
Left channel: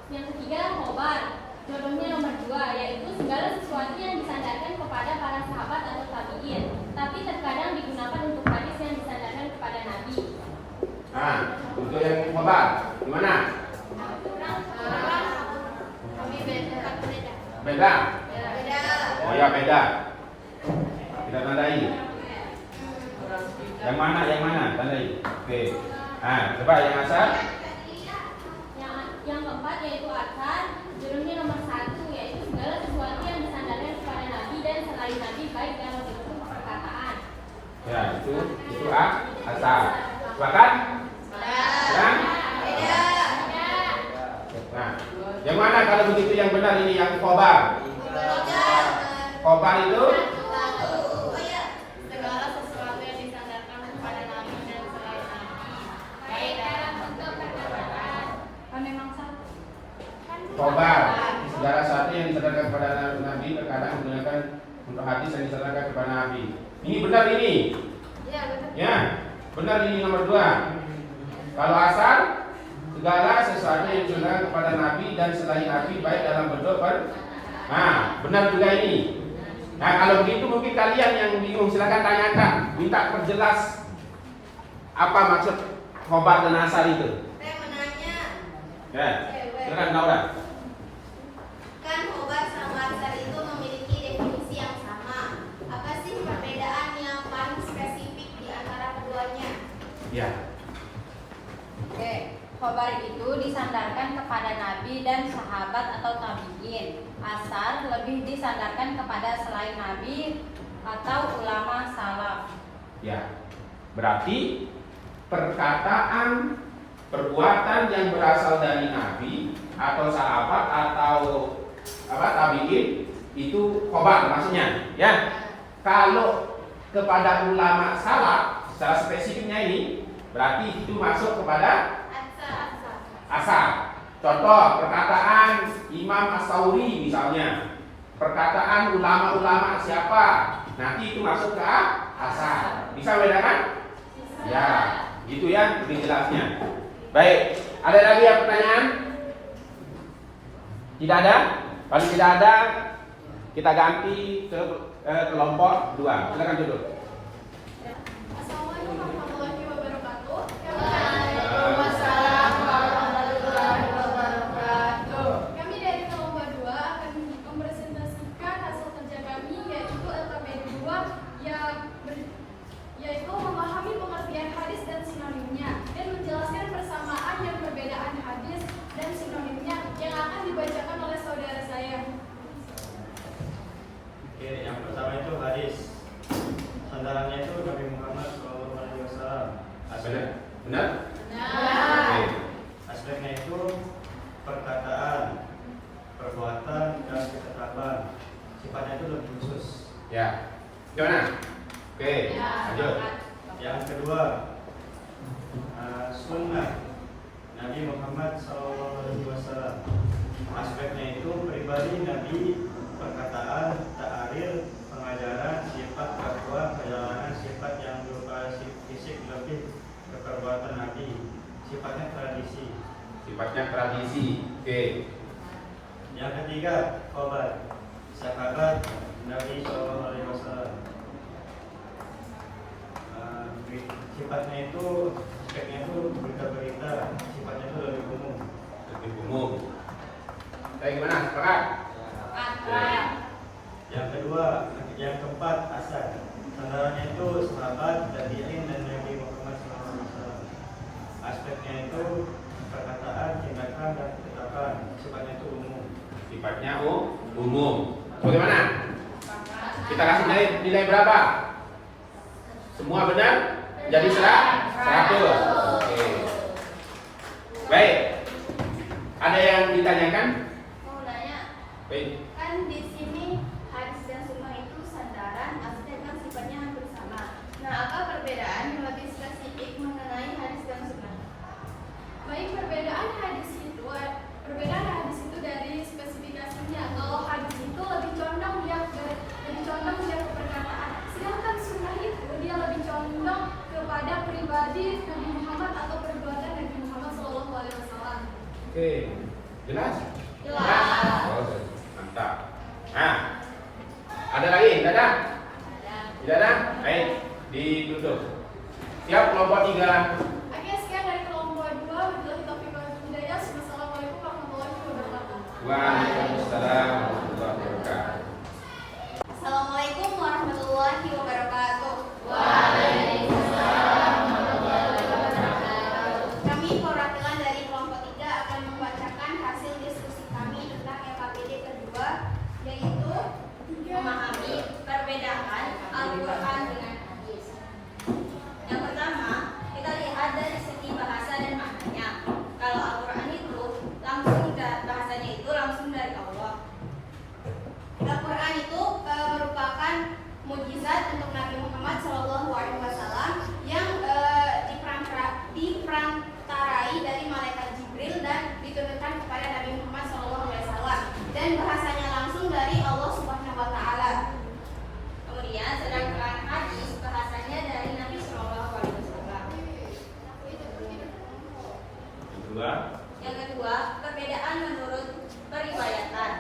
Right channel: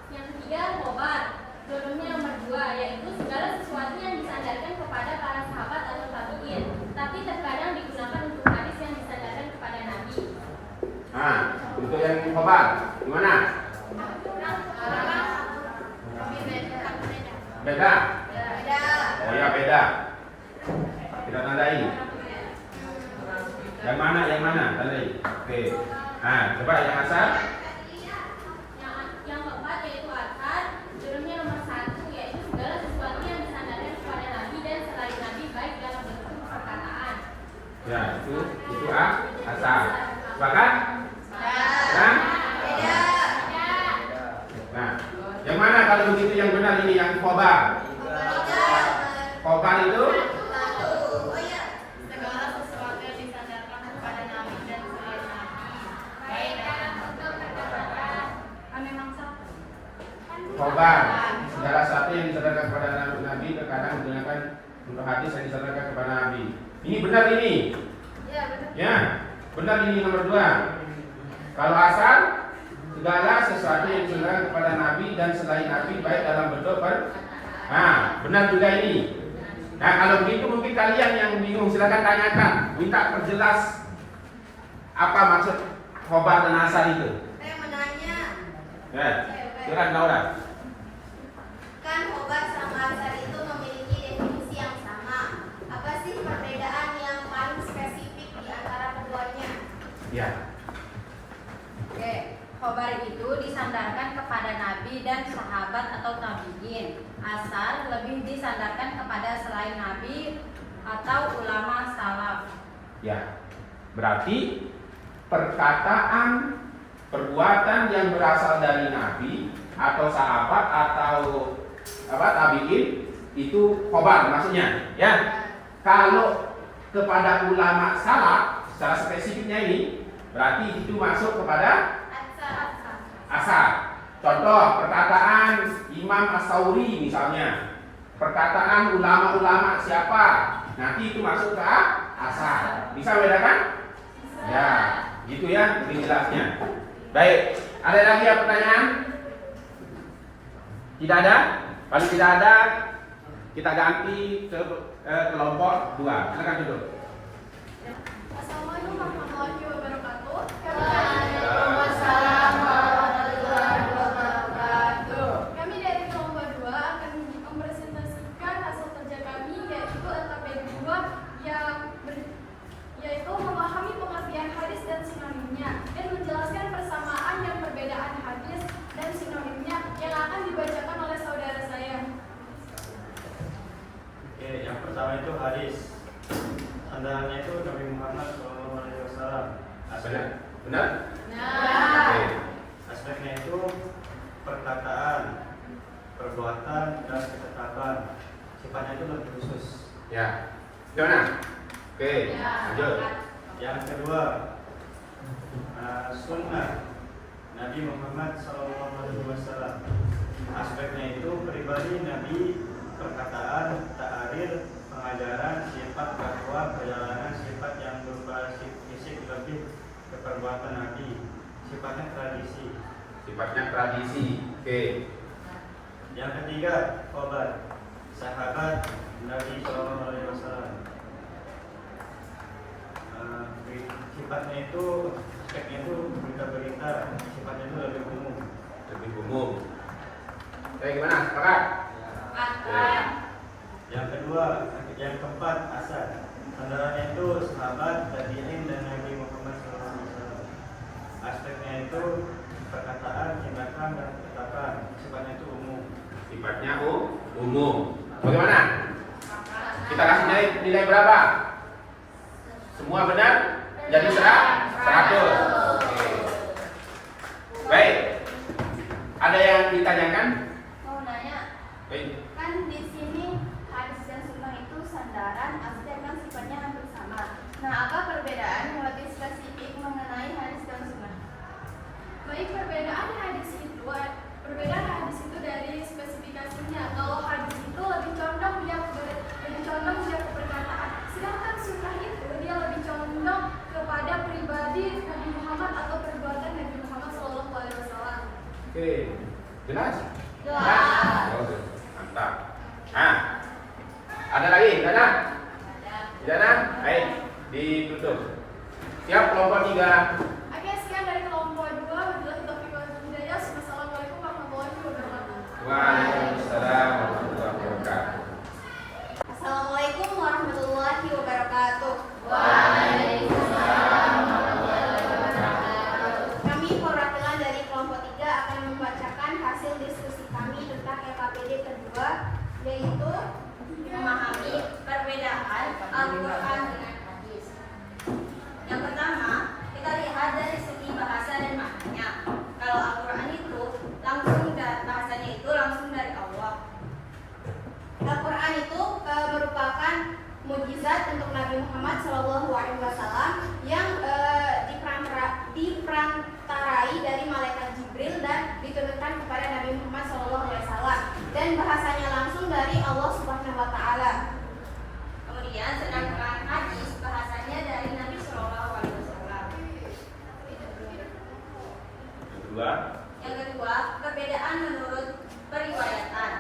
Yang ketiga khobar. Jodohnya nomor 2, yaitu segala sesuatu yang disandarkan kepada para sahabat atau tabi'in, tapi terkadang digunakan untuk hadis yang disandarkan kepada nabi. Nah, untuk yang khobar, gimana? Beda? Oh ya beda. Kita tandai. Yang mana? Yang mana? Tandai. Oke. Nah, coba yang asal. Yang keempat yaitu asar. Jodohnya nomor 1, yaitu segala sesuatu yang disandarkan kepada nabi dan selain nabi, baik dalam bentuk perkataan. Ya, itu asal. Sepakat? Ya? Nah, yang mana kalau begitu yang benar ini yang khobar? Khobar itu Segala sesuatu yang disandarkan kepada nabi dan selain nabi, baik dalam bentuk perkataan. Memang satu. khobar. Segala sesuatu yang disadarkan kepada Nabi terkadang menggunakan untuk hadis yang disadarkan kepada Nabi. Ini benar ini. Ya, benar. Ya, benar ini nomor 2. Kalau asal segala sesuatu yang disadarkan kepada Nabi dan selain Nabi baik dalam bentuk Nah, benar juga ini. Nah, kalau begitu mungkin kalian yang bingung silakan tanyakan, minta perjelas apa maksud khobar dan asal itu. Saya menanya, Ya, silakan Laura. kan khobar sama asar itu memiliki definisi yang sama. Apa sih perbedaan yang paling spesifik di antara keduanya? Ya. Oke, khobar itu disandarkan kepada nabi dan sahabat atau tabi'in. Asar lebih disandarkan kepada selain nabi atau ulama salaf. Ya. Berarti perkataan, perbuatan yang berasal dari nabi atau sahabat atau tabi'in itu khobar maksudnya, ya. Kalau kepada ulama salaf secara spesifiknya ini berarti itu masuk kepada asar. Contoh perkataan Imam As-Sauri misalnya, perkataan ulama-ulama siapa, nanti itu masuk ke asar. Bisa bedakan? Ya, gitu ya, lebih jelasnya. Baik, ada lagi yang pertanyaan? Tidak ada? Kalau tidak ada, kita ganti ke kelompok 2. Silakan duduk. Assalamualaikum warahmatullahi wabarakatuh. Waalaikumsalam warahmatullahi wabarakatuh. Kami dari kelompok 2 akan mempresentasikan hasil kerja kami, yaitu LKPD 2 yaitu memahami pengertian hadis dan sinonimnya dan menjelaskan persamaan dan perbedaan hadis dan sinonimnya yang akan dibacakan oleh saudara saya. Oke, yang pertama itu hadis. Sandarannya itu Nabi Muhammad SAW. Benar? Benar? Nah, Oke. Aspeknya itu perkataan, perbuatan, dan ketetapan. Sifatnya itu lebih khusus. Ya. Gimana? Oke, lanjut. Yang kedua, sunnah Nabi Muhammad SAW. Aspeknya itu pribadi Nabi, perkataan, ta'aril, pengajaran, sifat dakwah, perjalanan, sifat yang berupa fisik lebih ke perbuatan Nabi. Sifatnya tradisi. Sifatnya tradisi. Oke. Yang ketiga, khobar, sahabat Nabi SAW. Sifatnya itu, aspeknya itu berita-berita. Sifatnya itu lebih umum. Lebih umum. Oke, gimana? Sepakat? Sepakat. Yang kedua, yang keempat, asar. Sandarannya itu sahabat, tabi'in, dan Nabi Muhammad SAW. Aspeknya itu perkataan, tindakan, dan kata-kata. Sifatnya itu umum. Sifatnya umum. Bagaimana? Kita kasih nilai berapa? Semua benar? Jadi 100. Oke. Baik. Ada yang ditanyakan? Mau nanya, Baik. kan di sini hadis dan sunnah itu sandaran, aspek kan sifatnya hampir sama. Nah, apa perbedaan yang lebih spesifik mengenai hadis dan sunnah? Baik, perbedaan hadis itu dari spesifikasinya. Kalau hadis itu lebih condong dia ke perkataan, sedangkan sunnah itu dia lebih condong kepada pribadi Nabi Muhammad atau perbuatan Nabi Muhammad SAW. Oke. Jelas? Jelas. Oke. Mantap. Nah, ada lagi? Tidak ada? Tidak ada? Baik, ditutup. Siap kelompok 3. Oke, sekian dari kelompok 2. Wabillahi taufiq wal hidayah. Wassalamualaikum warahmatullahi wabarakatuh. Waalaikumsalam warahmatullahi wabarakatuh. Assalamualaikum warahmatullahi wabarakatuh. Kami perwakilan dari kelompok 3 akan membacakan hasil diskusi kami tentang LKPD kedua, yaitu memahami perbedaan Al-Quran dengan hadis. Yang pertama, kita lihat dari segi bahasa dan maknanya. Kalau Al-Quran itu bahasanya itu langsung dari Allah. Al-Quran itu merupakan mukjizat untuk Nabi Muhammad SAW yang diperantarai dari malaikat Jibril dan diturunkan kepada Nabi Muhammad SAW dan bahasanya langsung dari Allah Subhanahu Wa Taala. Kemudian sedangkan hadis bahasanya dari Nabi SAW. Yang kedua, perbedaan menurut periwayatan.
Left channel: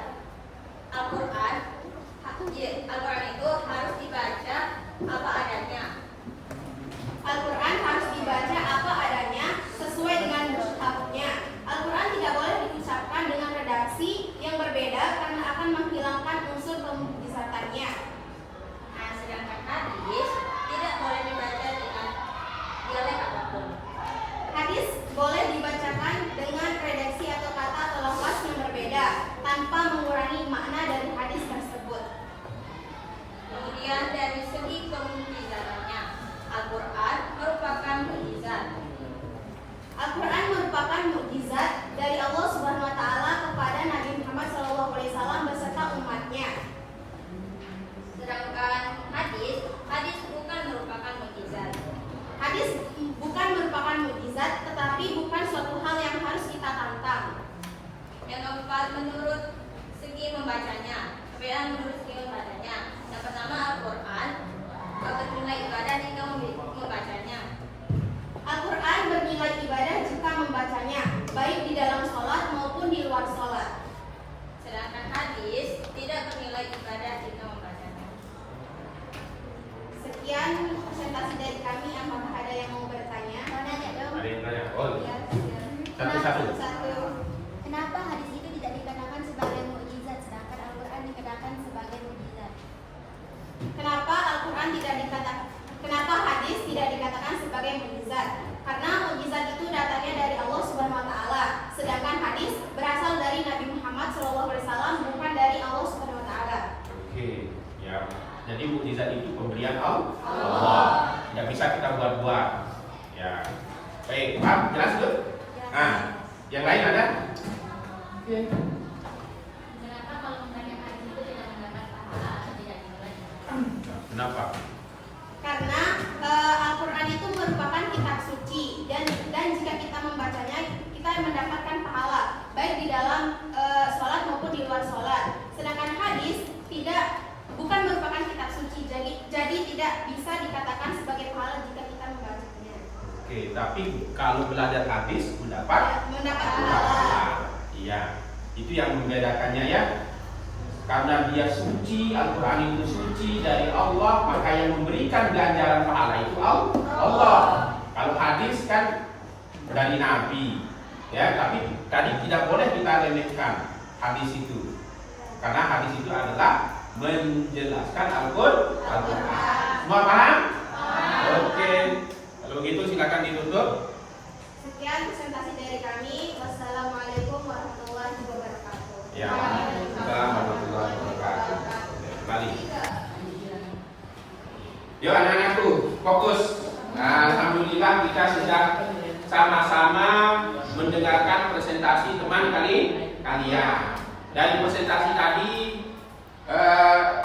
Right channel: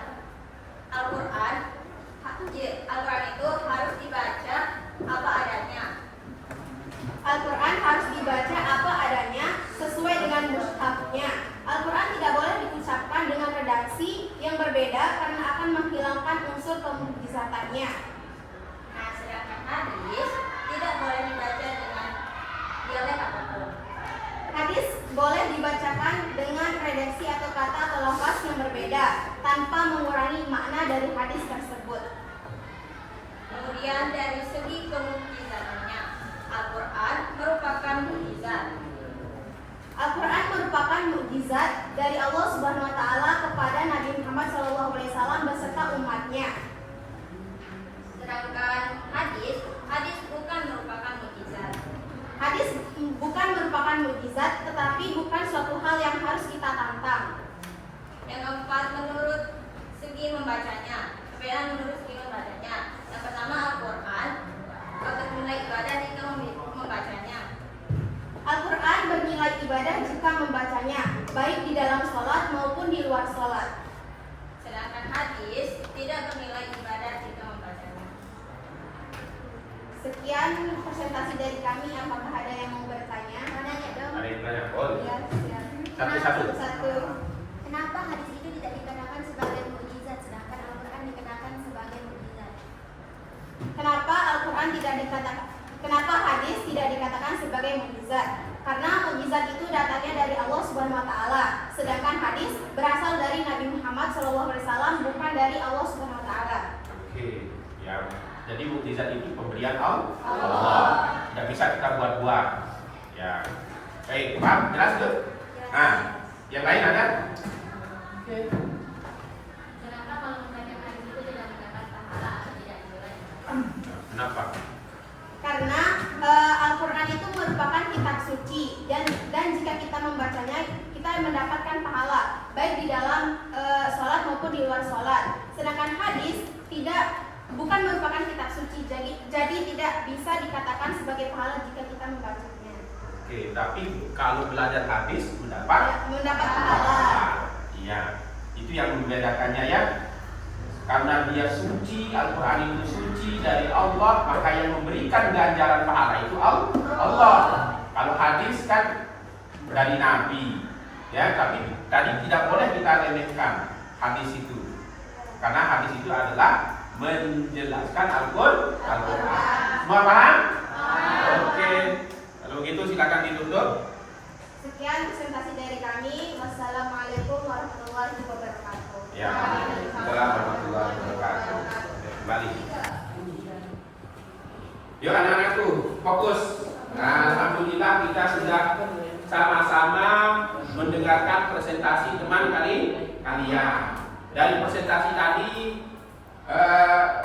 Al-Quran itu harus dibaca apa adanya. Al-Quran harus dibaca apa adanya sesuai dengan mushafnya. Al-Quran tidak boleh diucapkan dengan redaksi yang berbeda karena akan menghilangkan unsur kemukjizatannya. Nah, sedangkan hadis tidak boleh dibaca dengan dialek apapun. Hadis boleh dibacakan dengan redaksi atau kata atau lafaz yang berbeda tanpa mengurangi makna dari hadis tersebut. Kemudian dari segi kemukjizatannya, Al-Quran merupakan mukjizat. Al-Quran merupakan mukjizat dari Allah Subhanahu Wa Taala kepada Nabi Muhammad SAW beserta umatnya. Sedangkan hadis bukan merupakan mukjizat. Hadis bukan merupakan mukjizat, tetapi bukan suatu hal yang harus kita tantang. Yang keempat, menurut segi membacanya. Perbedaan menurut segi membacanya. Yang pertama, Al-Quran bernilai ibadah jika membacanya. Al-Quran bernilai ibadah jika membacanya, baik di dalam sholat maupun di luar sholat. Sedangkan hadis tidak bernilai ibadah jika membacanya. Sekian presentasi dari kami. Apakah ada yang mau bertanya? Mau nanya dong? Ada yang tanya? Oh, Ya, satu. Kenapa hadis itu tidak dikatakan sebagai mukjizat sedangkan Al-Quran dikatakan sebagai mukjizat? Kenapa hadis tidak dikatakan sebagai mukjizat? Karena mukjizat itu datangnya dari Allah Subhanahu Wa Taala, sedangkan hadis berasal dari Nabi Muhammad SAW, bukan dari Allah Subhanahu Wa Taala. Oke, ya. Jadi mukjizat itu pemberian Allah. Tidak bisa kita buat-buat. Ya. Baik, paham? Jelas tuh? Nah, yang lain ada? Kenapa kalau misalnya hadis itu tidak mendapat pahala atau tidak nilai? Kenapa? Karena Al-Quran itu merupakan kitab suci dan jika kita membacanya kita mendapatkan pahala baik di dalam sholat maupun di luar sholat. Sedangkan hadis bukan merupakan kitab suci, jadi tidak bisa dikatakan sebagai pahala jika kita membacanya. Oke, tapi kalau belajar hadis mendapat pahala. Iya, itu yang membedakannya ya. Karena dia suci, Al-Quran itu suci dari Allah, maka yang memberikan ganjaran pahala itu Allah. Kalau hadis kan dari Nabi, ya. Tapi tadi tidak boleh kita remehkan hadis itu, karena hadis itu adalah menjelaskan Al-Quran. Semua paham? Oke. Kalau gitu silakan ditutup. Sekian presentasi dari kami. Wassalamualaikum warahmatullahi wabarakatuh. Ya, warahmatullahi wabarakatuh. Kembali. Yuk anak-anakku, fokus. Nah, alhamdulillah kita sudah sama-sama mendengarkan presentasi teman kalian. Dari presentasi tadi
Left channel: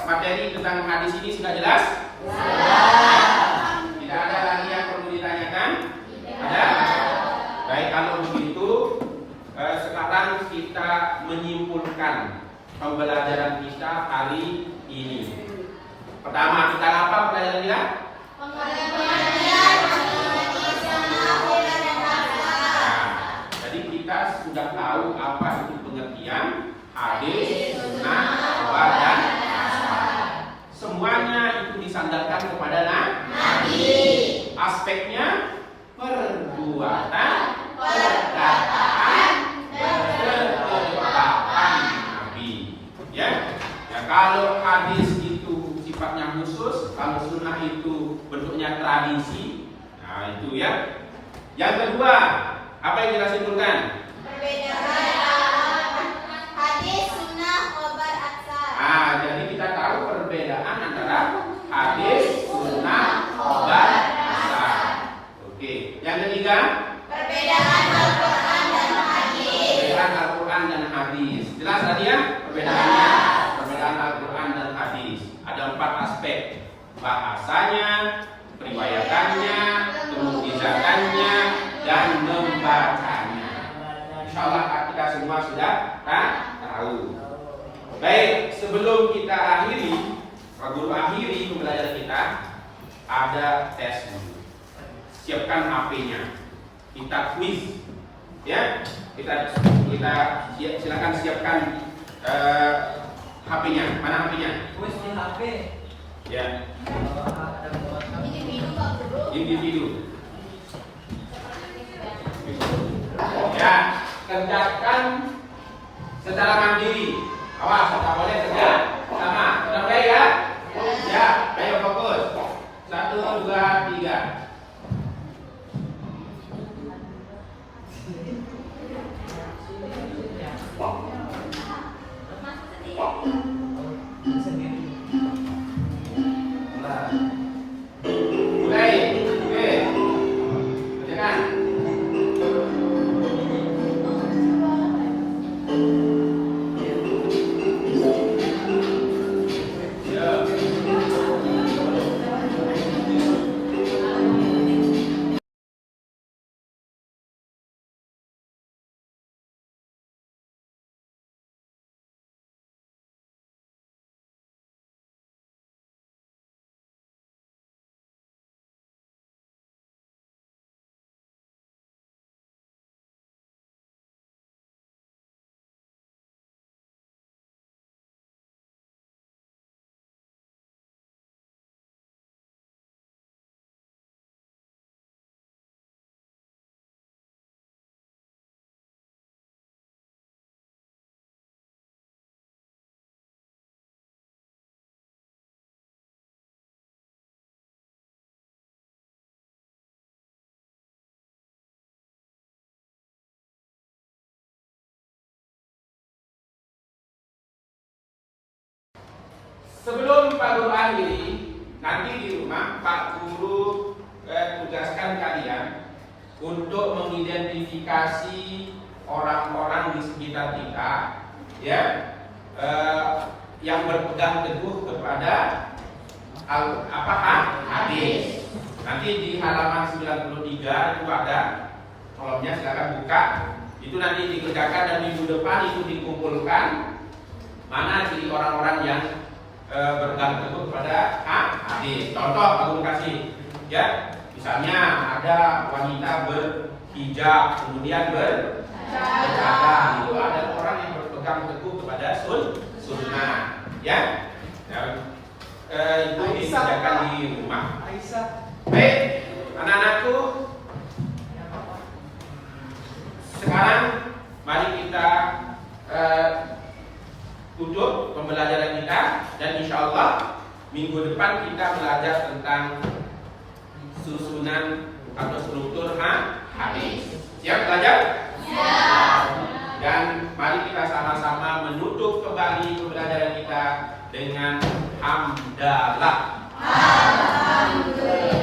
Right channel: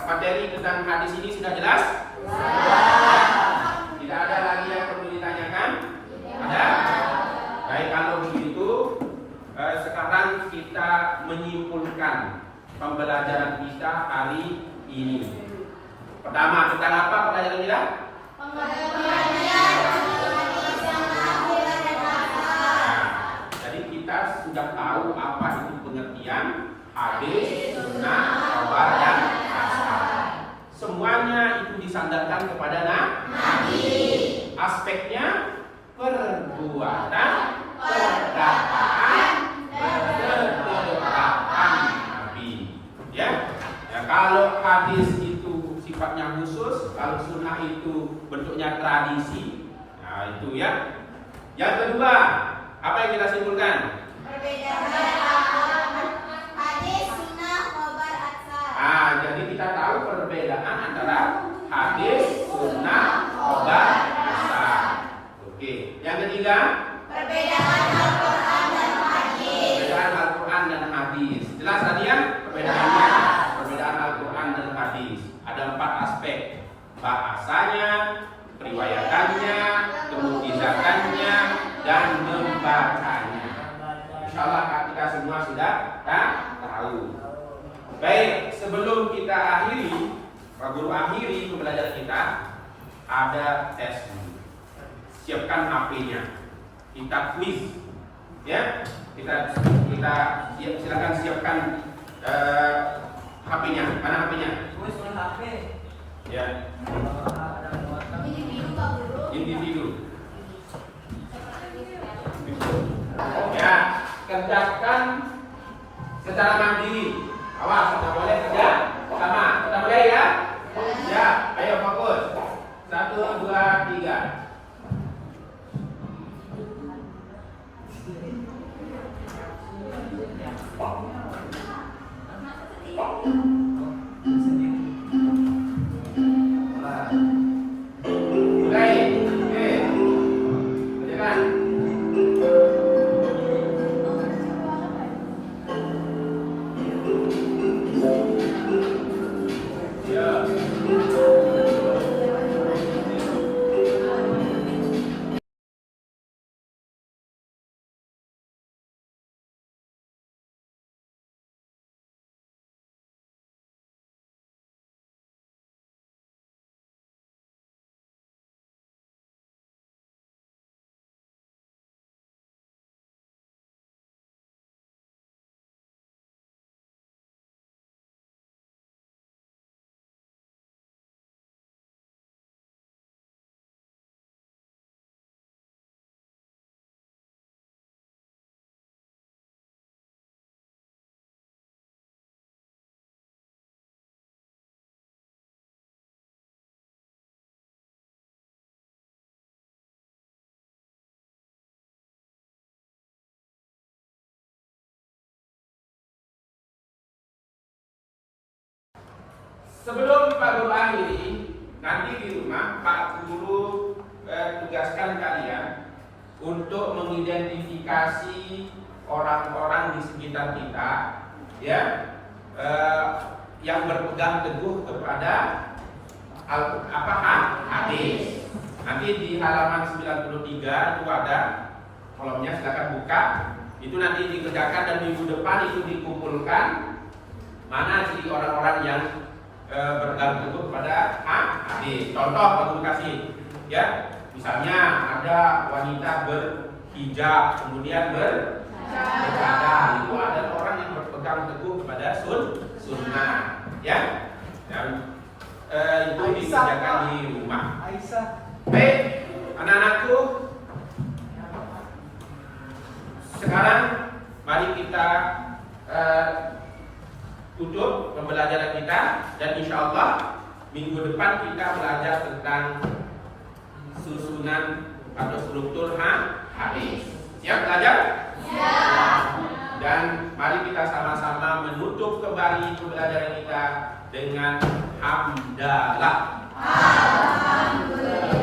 materi tentang hadis ini sudah jelas? Tidak ada lagi yang perlu ditanyakan? Ada? Baik, kalau begitu sekarang kita menyimpulkan pembelajaran kita hari ini. Pertama, tentang apa pelajaran kita? Jadi kita sudah tahu apa itu pengertian hadis, sunnah, khabar dan asar. Semuanya itu disandarkan kepada Nabi. Aspeknya perbuatan, perkataan, perbuatan Nabi. Ya, kalau hadis itu sifatnya khusus, kalau sunnah itu bentuknya tradisi. Nah itu ya. Yang kedua, apa yang kita simpulkan? Hadis, sunnah, khabar, asar. Jadi kita tahu perbedaan antara hadis, sunnah, khabar, asar. Oke. Yang ketiga, Perbedaan Al-Quran dan hadis. perbedaan Al-Quran dan hadis. Jelas tadi ya perbedaannya? Perbedaan Al-Quran dan hadis. Ada 4 aspek: bahasanya, periwayatannya, kemudizatannya, dan membacanya. Insyaallah kita semua sudah tahu. Baik, sebelum kita akhiri, guru akhiri pembelajaran kita, ada tes dulu. Siapkan HP-nya. Kita quiz. Ya, kita silakan siapkan HP-nya. Mana HP-nya? Ya. Individu. Ya, kerjakan secara mandiri. Awas, tidak boleh kerja sama. Kita mulai ya. Ya, ayo fokus. 1, 2, 3. Mulai. Oke. Kerjakan. Ya. Sebelum Pak Guru akhiri, nanti di rumah Pak Guru tugaskan kalian untuk mengidentifikasi orang-orang di sekitar kita, ya, yang berpegang teguh kepada hadis. Nanti di halaman 93 itu ada kolomnya, silakan buka. Itu nanti dikerjakan dan minggu depan itu dikumpulkan mana jadi orang-orang yang berpegang teguh kepada hadis. Contoh aku kasih, ya, misalnya ada wanita berhijab kemudian bercadar, itu ada orang yang berpegang teguh kepada sunnah, ya. Dan itu dikerjakan di rumah. Baik, anak-anakku, sekarang mari kita tutup pembelajaran kita, dan insya Allah minggu depan kita belajar tentang susunan atau struktur hadis. Siap belajar? Ya. Dan mari kita sama-sama menutup kembali pembelajaran kita dengan hamdalah. Alhamdulillah.